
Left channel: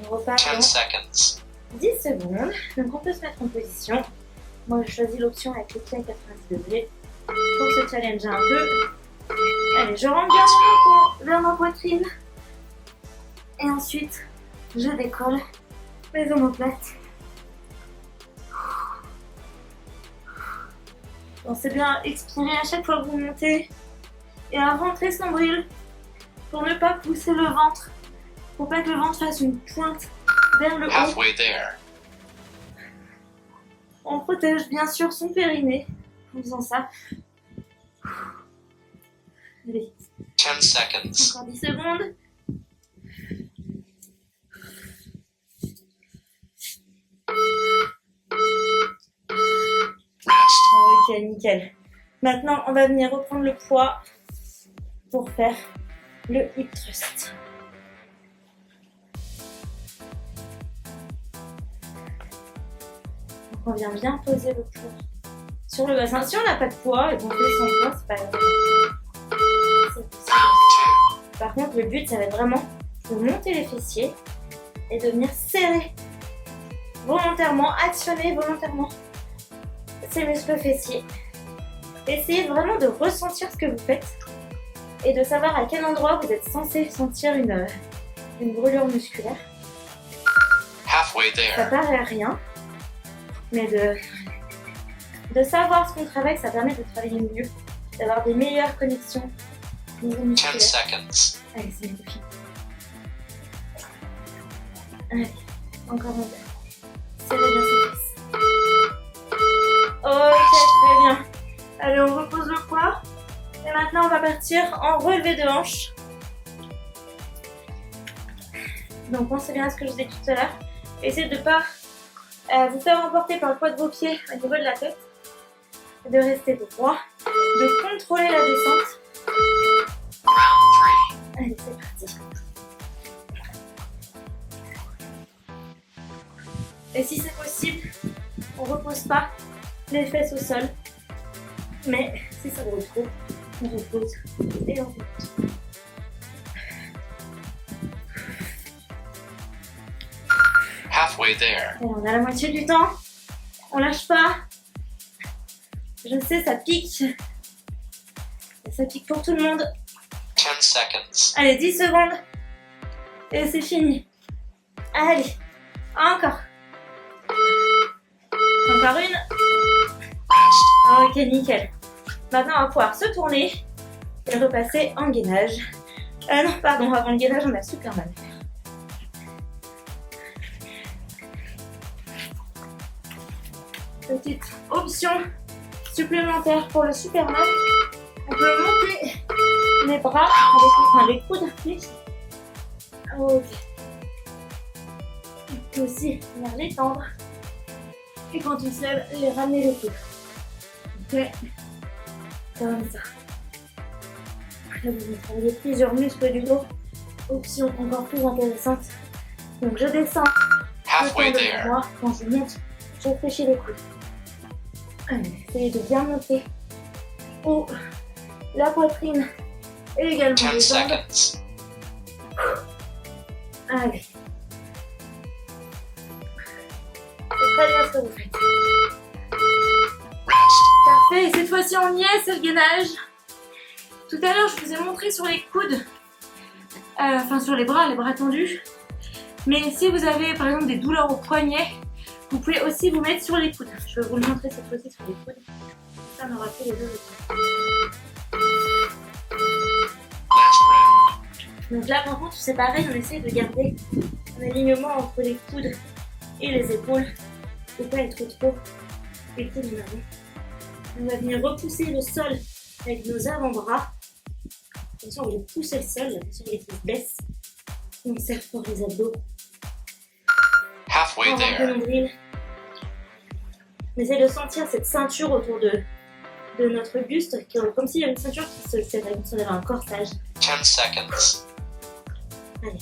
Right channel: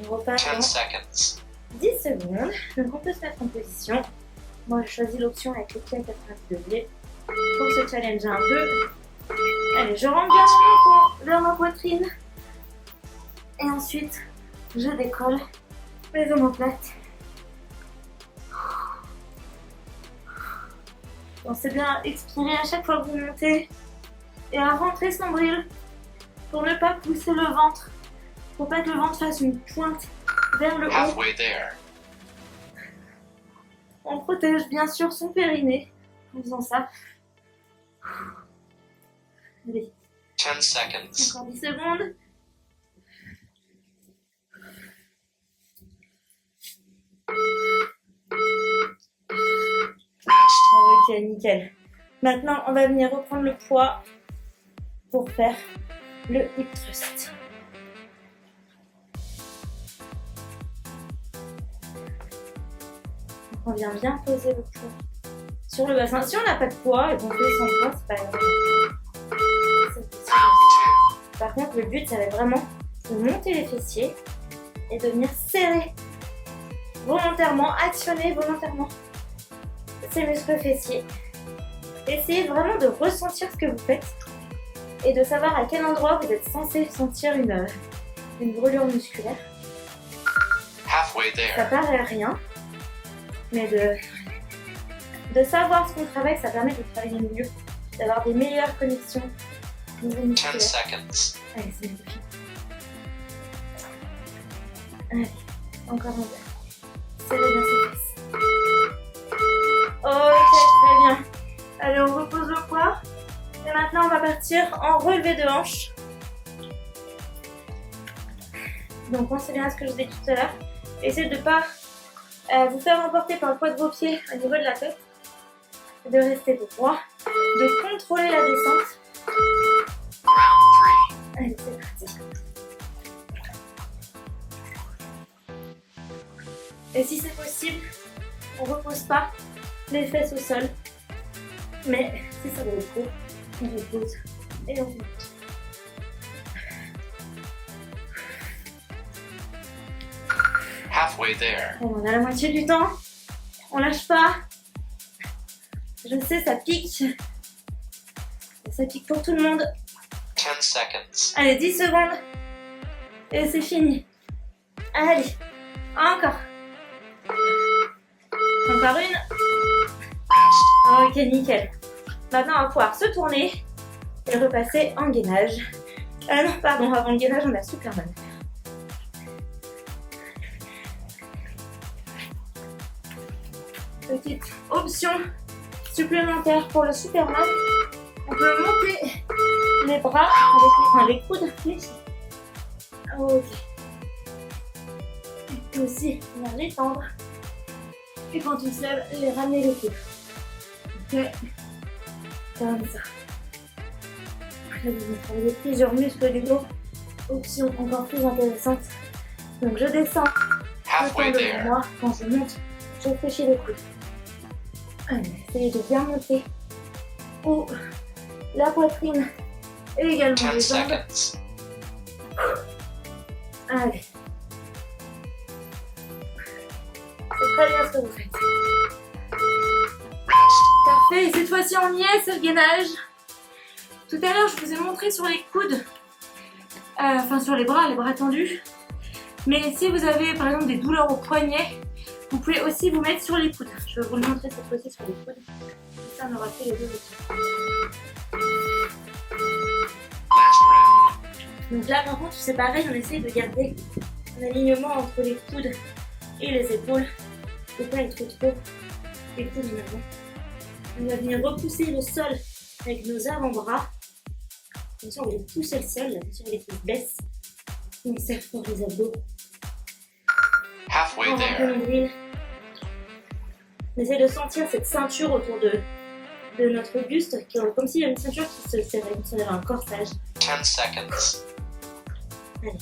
On repart 10 dans seconds. 10 secondes. Donc on peut se mettre en position. Moi, je choisis l'option avec les pieds à 90 degrés pour se challenger un peu. Allez, je rentre bien mon menton vers ma poitrine. Et ensuite, je décolle mes omoplates. Pensez bien à expirer à chaque fois que vous montez et à rentrer ce nombril pour ne pas pousser le ventre. Faut pas que le ventre fasse une pointe vers le haut. Halfway there. On protège bien sûr son périnée en faisant ça. Allez, 10 seconds. encore 10 secondes. Rest. Ok, nickel. Maintenant, on va venir reprendre le poids pour faire le hip thrust. Donc, on vient bien poser le poids sur le bassin. Si on n'a pas de poids et qu'on fait sans poids, c'est pas grave. C'est possible. Round 2. Par contre, le but, ça va être vraiment de monter les fessiers et de venir serrer volontairement, actionner volontairement ces muscles fessiers. Essayez vraiment de ressentir ce que vous faites et de savoir à quel endroit vous êtes censé sentir une brûlure musculaire. Halfway Ça there. paraît rien, mais de savoir ce qu'on travaille, ça permet de travailler mieux, d'avoir des meilleures connexions Niveau 10 musculaire. seconds. Allez, c'est bien fini. Allez, encore un peu. Serrez bien ses fesses. Ok, très bien. Allez, on repose le poids. Et maintenant, on va partir en relevé de hanche. Donc, pensez bien à ce que je vous ai dit tout à l'heure. Essayez de ne pas vous faire emporter par le poids de vos pieds au niveau de la tête. De rester droit. De contrôler la descente. Round 3. Allez, c'est parti. Et si c'est possible, on ne repose pas les fesses au sol. Mais si ça brûle trop, on repose et on monte. Halfway there. Allez, on a la moitié du temps. On lâche pas. Je sais, ça pique. Ça pique pour tout le monde. 10 seconds. Allez, 10 secondes. Et c'est fini. Allez, encore. Encore une. Rest. Ok, nickel. Maintenant, on va pouvoir se tourner et repasser en gainage. Non, pardon, avant le gainage, on a Superman à faire. Petite option supplémentaire pour le Superman. On peut monter les bras avec les coudes. Ok. On peut aussi venir les tendre. Et quand on se lève, les ramener les coudes. Ok. Comme ça. Après, vous avez plusieurs muscles du dos. Option encore plus intéressante. Donc je descends le Halfway temps devant there. moi. Quand je monte, je fléchis les coudes. Allez, essayez de bien monter haut la poitrine et également 10 les jambes. seconds. Allez. C'est très bien ce que vous faites. Rest. Parfait, et cette fois-ci on y est, c'est le gainage. Tout à l'heure je vous ai montré sur les coudes, enfin sur les bras tendus. Mais si vous avez par exemple des douleurs au poignet, vous pouvez aussi vous mettre sur les coudes. Je vais vous le montrer cette fois-ci sur les coudes. Ça on aura fait les deux aussi. Last round. Donc là par contre c'est pareil, on essaie de garder un alignement entre les coudes et les épaules. Il ne faut pas être trop les coudes en avant. On va venir repousser le sol avec nos avant-bras. Attention, on va pousser le sol, attention les cuisses baissent. On serre fort les abdos. Halfway On rentre le there. nombril. On essaie de sentir cette ceinture autour de notre buste, comme s'il y avait une ceinture qui se serrait, comme si on avait un corsage. 10 seconds. Allez.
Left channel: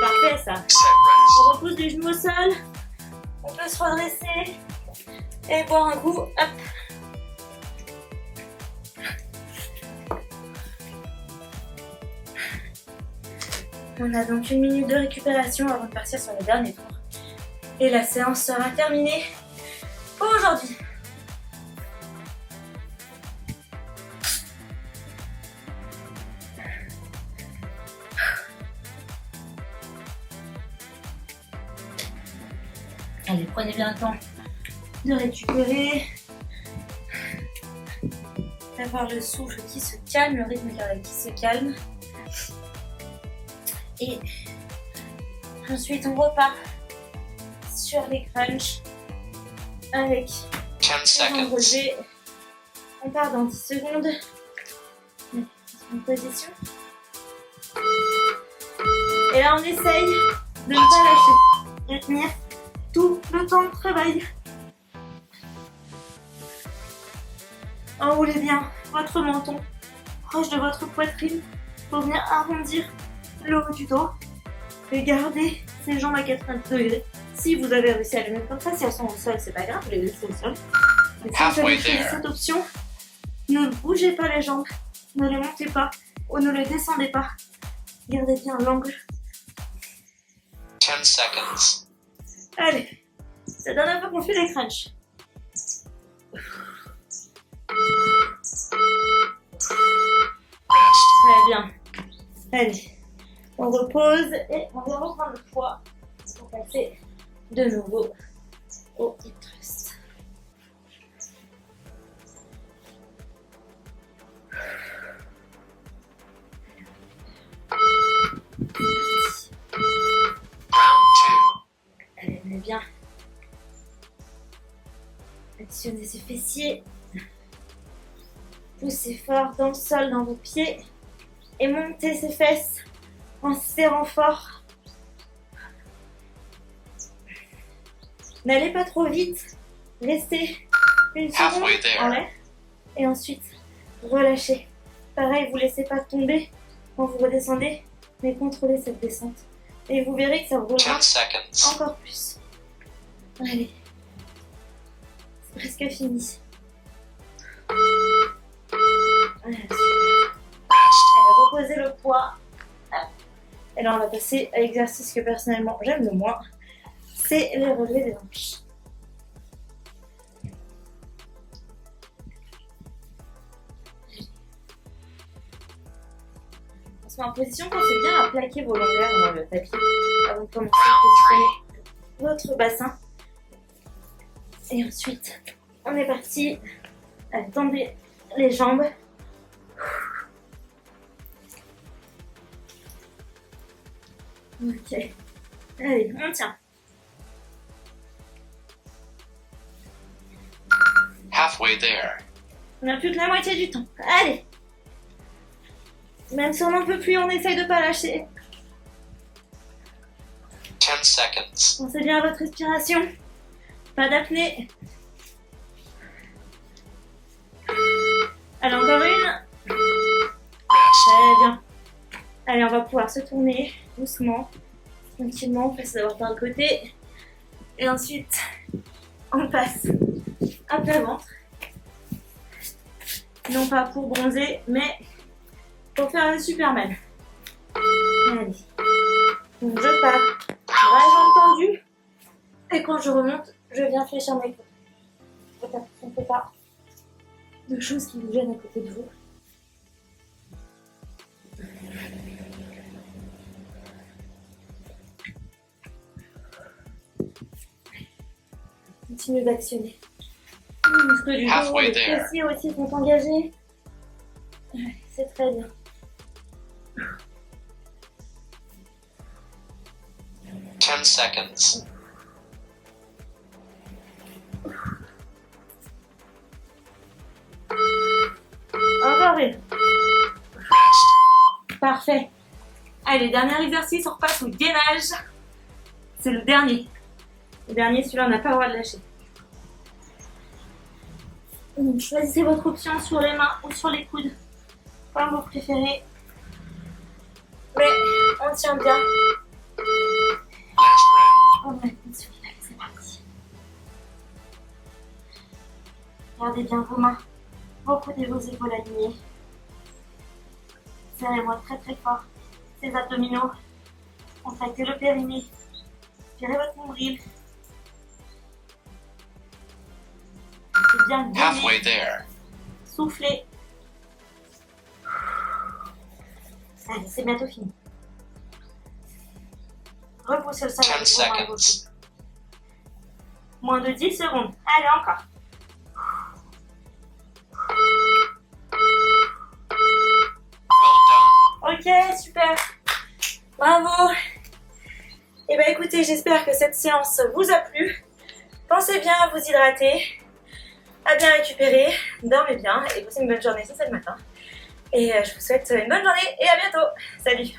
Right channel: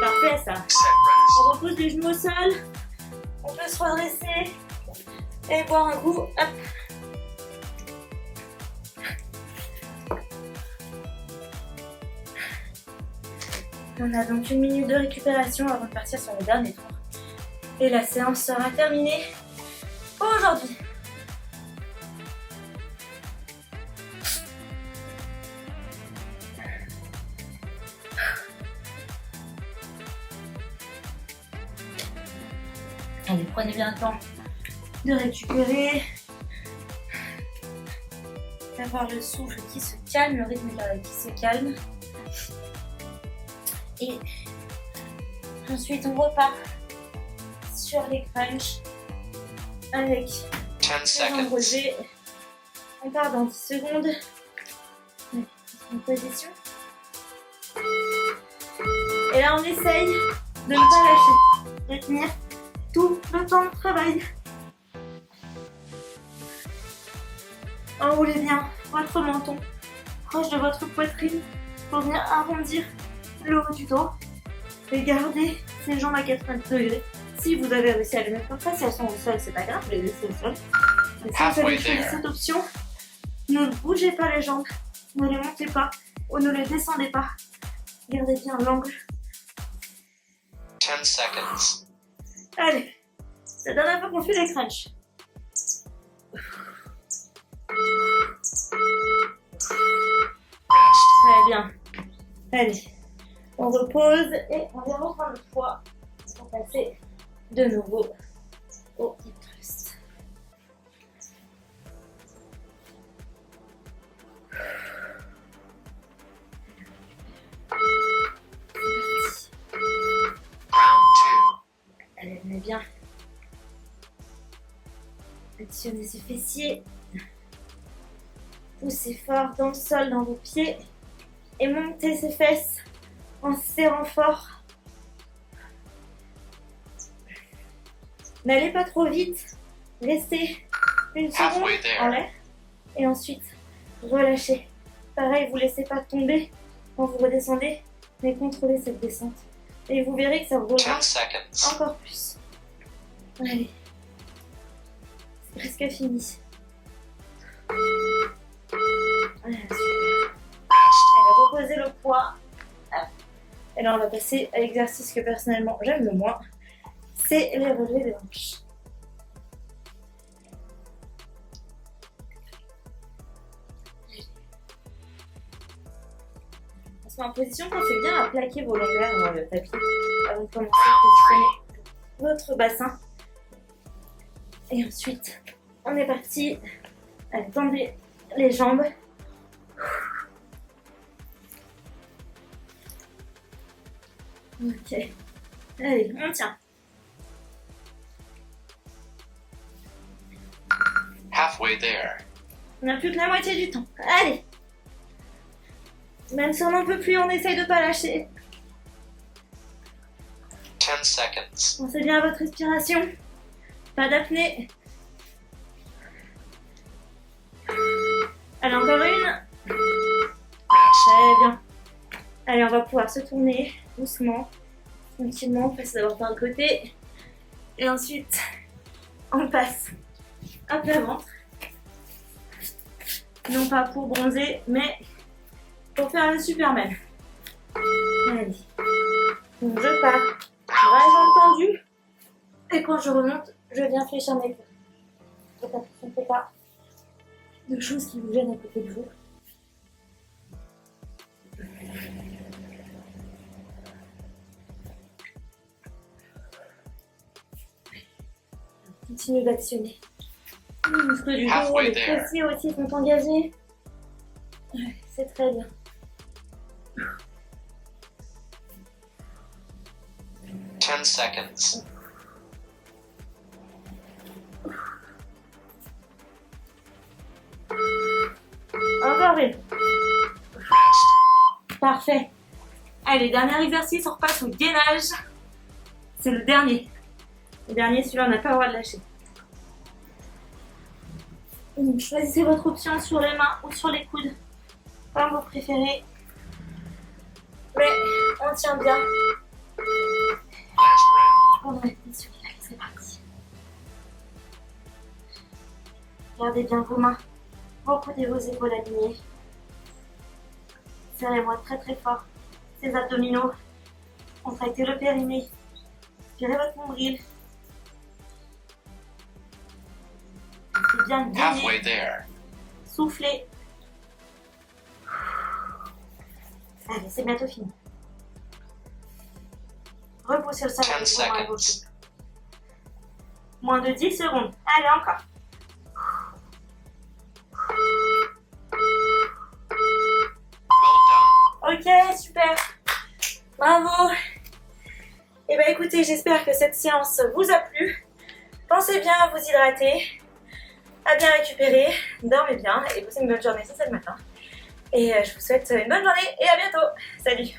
Parfait ça. Set rest. On repose les genoux au sol. On peut se redresser et boire un coup. Hop. On a donc 1 minute de récupération avant de partir sur le dernier tour. Et la séance sera terminée aujourd'hui. Allez, prenez bien le temps de récupérer, d'avoir le souffle qui se calme, le rythme cardiaque qui se calme. Et ensuite, on repart sur les crunchs avec 10 les jambes seconds. relevées. On part dans 10 secondes. Allez, en position. Et là, on essaye de ne pas lâcher, de tenir tout le temps de travail. Enroulez bien votre menton proche de votre poitrine pour venir arrondir le haut du dos et garder ces jambes à 90 degrés. Si vous avez réussi à les mettre comme ça, si elles sont au sol, c'est pas grave, vous les laissez au sol. Mais si vous avez choisi cette option, ne bougez pas les jambes, ne les montez pas ou ne les descendez pas. Gardez bien l'angle. 10 seconds. Allez, c'est la dernière fois qu'on fait les crunchs. Rest. Très bien. Allez, on repose et on vient reprendre le poids pour passer de nouveau au hip thrust. Allez, bien. Actionnez ces fessiers. Poussez fort dans le sol, dans vos pieds. Et montez ces fesses en serrant fort. N'allez pas trop vite. Restez une seconde Halfway there. en l'air. Et ensuite, relâchez. Pareil, vous ne laissez pas tomber quand vous redescendez, mais contrôlez cette descente. Et vous verrez que ça roulera 10 seconds. encore plus. Allez. C'est presque fini. Voilà, super. Rest. Allez, reposez le poids. Hop. Et là, on va passer à l'exercice que personnellement j'aime le moins. C'est les relevés des hanches. On se met en position, pensez bien à plaquer vos lombaires dans le tapis avant de commencer à positionner votre bassin. Et ensuite, on est parti. Allez, tendez les jambes. Ok. Allez, on tient. Halfway there. On a plus que la moitié du temps. Allez. Même si on n'en peut plus, on essaye de pas lâcher. 10 seconds. Pensez bien à votre respiration. Pas d'apnée. Allez, encore une. Rest. Très bien. Allez, on va pouvoir se tourner doucement, tranquillement, on passe d'abord par le côté. Et ensuite, on passe un peu à ventre. Non pas pour bronzer, mais pour faire le Superman. Allez. Donc je pars, bras et jambes tendus. Et quand je remonte, je viens fléchir mes coudes. Faites attention, ne faites pas de choses qui vous gênent à côté de vous. Continue d'actionner. Les muscles du dos, Halfway les there. fessiers aussi sont engagés. Ouais, c'est très bien. 10 seconds. Encore une. Rest. Parfait. Allez, dernier exercice, on repasse au gainage. C'est le dernier. Le dernier, celui-là, on n'a pas le droit de lâcher. Donc, choisissez votre option sur les mains ou sur les coudes, comme vous préférez. Mais on tient bien. Last round. On va celui-là, c'est parti. Gardez bien vos mains, vos coudes et vos épaules alignées. Serrez-moi très très fort ces abdominaux. Contractez le périnée. Tirez votre nombril. Restez bien Halfway gainé. there. Soufflez. Allez, c'est bientôt fini. Repoussez le sol 10 avec vos mains et vos seconds. pieds. Moins de 10 secondes. Allez, encore. Well done. Ok, super. Bravo. Et bien écoutez, j'espère que cette séance vous a plu. Pensez bien à vous hydrater, à bien récupérer, dormez bien et passez une bonne journée si c'est le matin. Et je vous souhaite une bonne journée et à bientôt. Salut.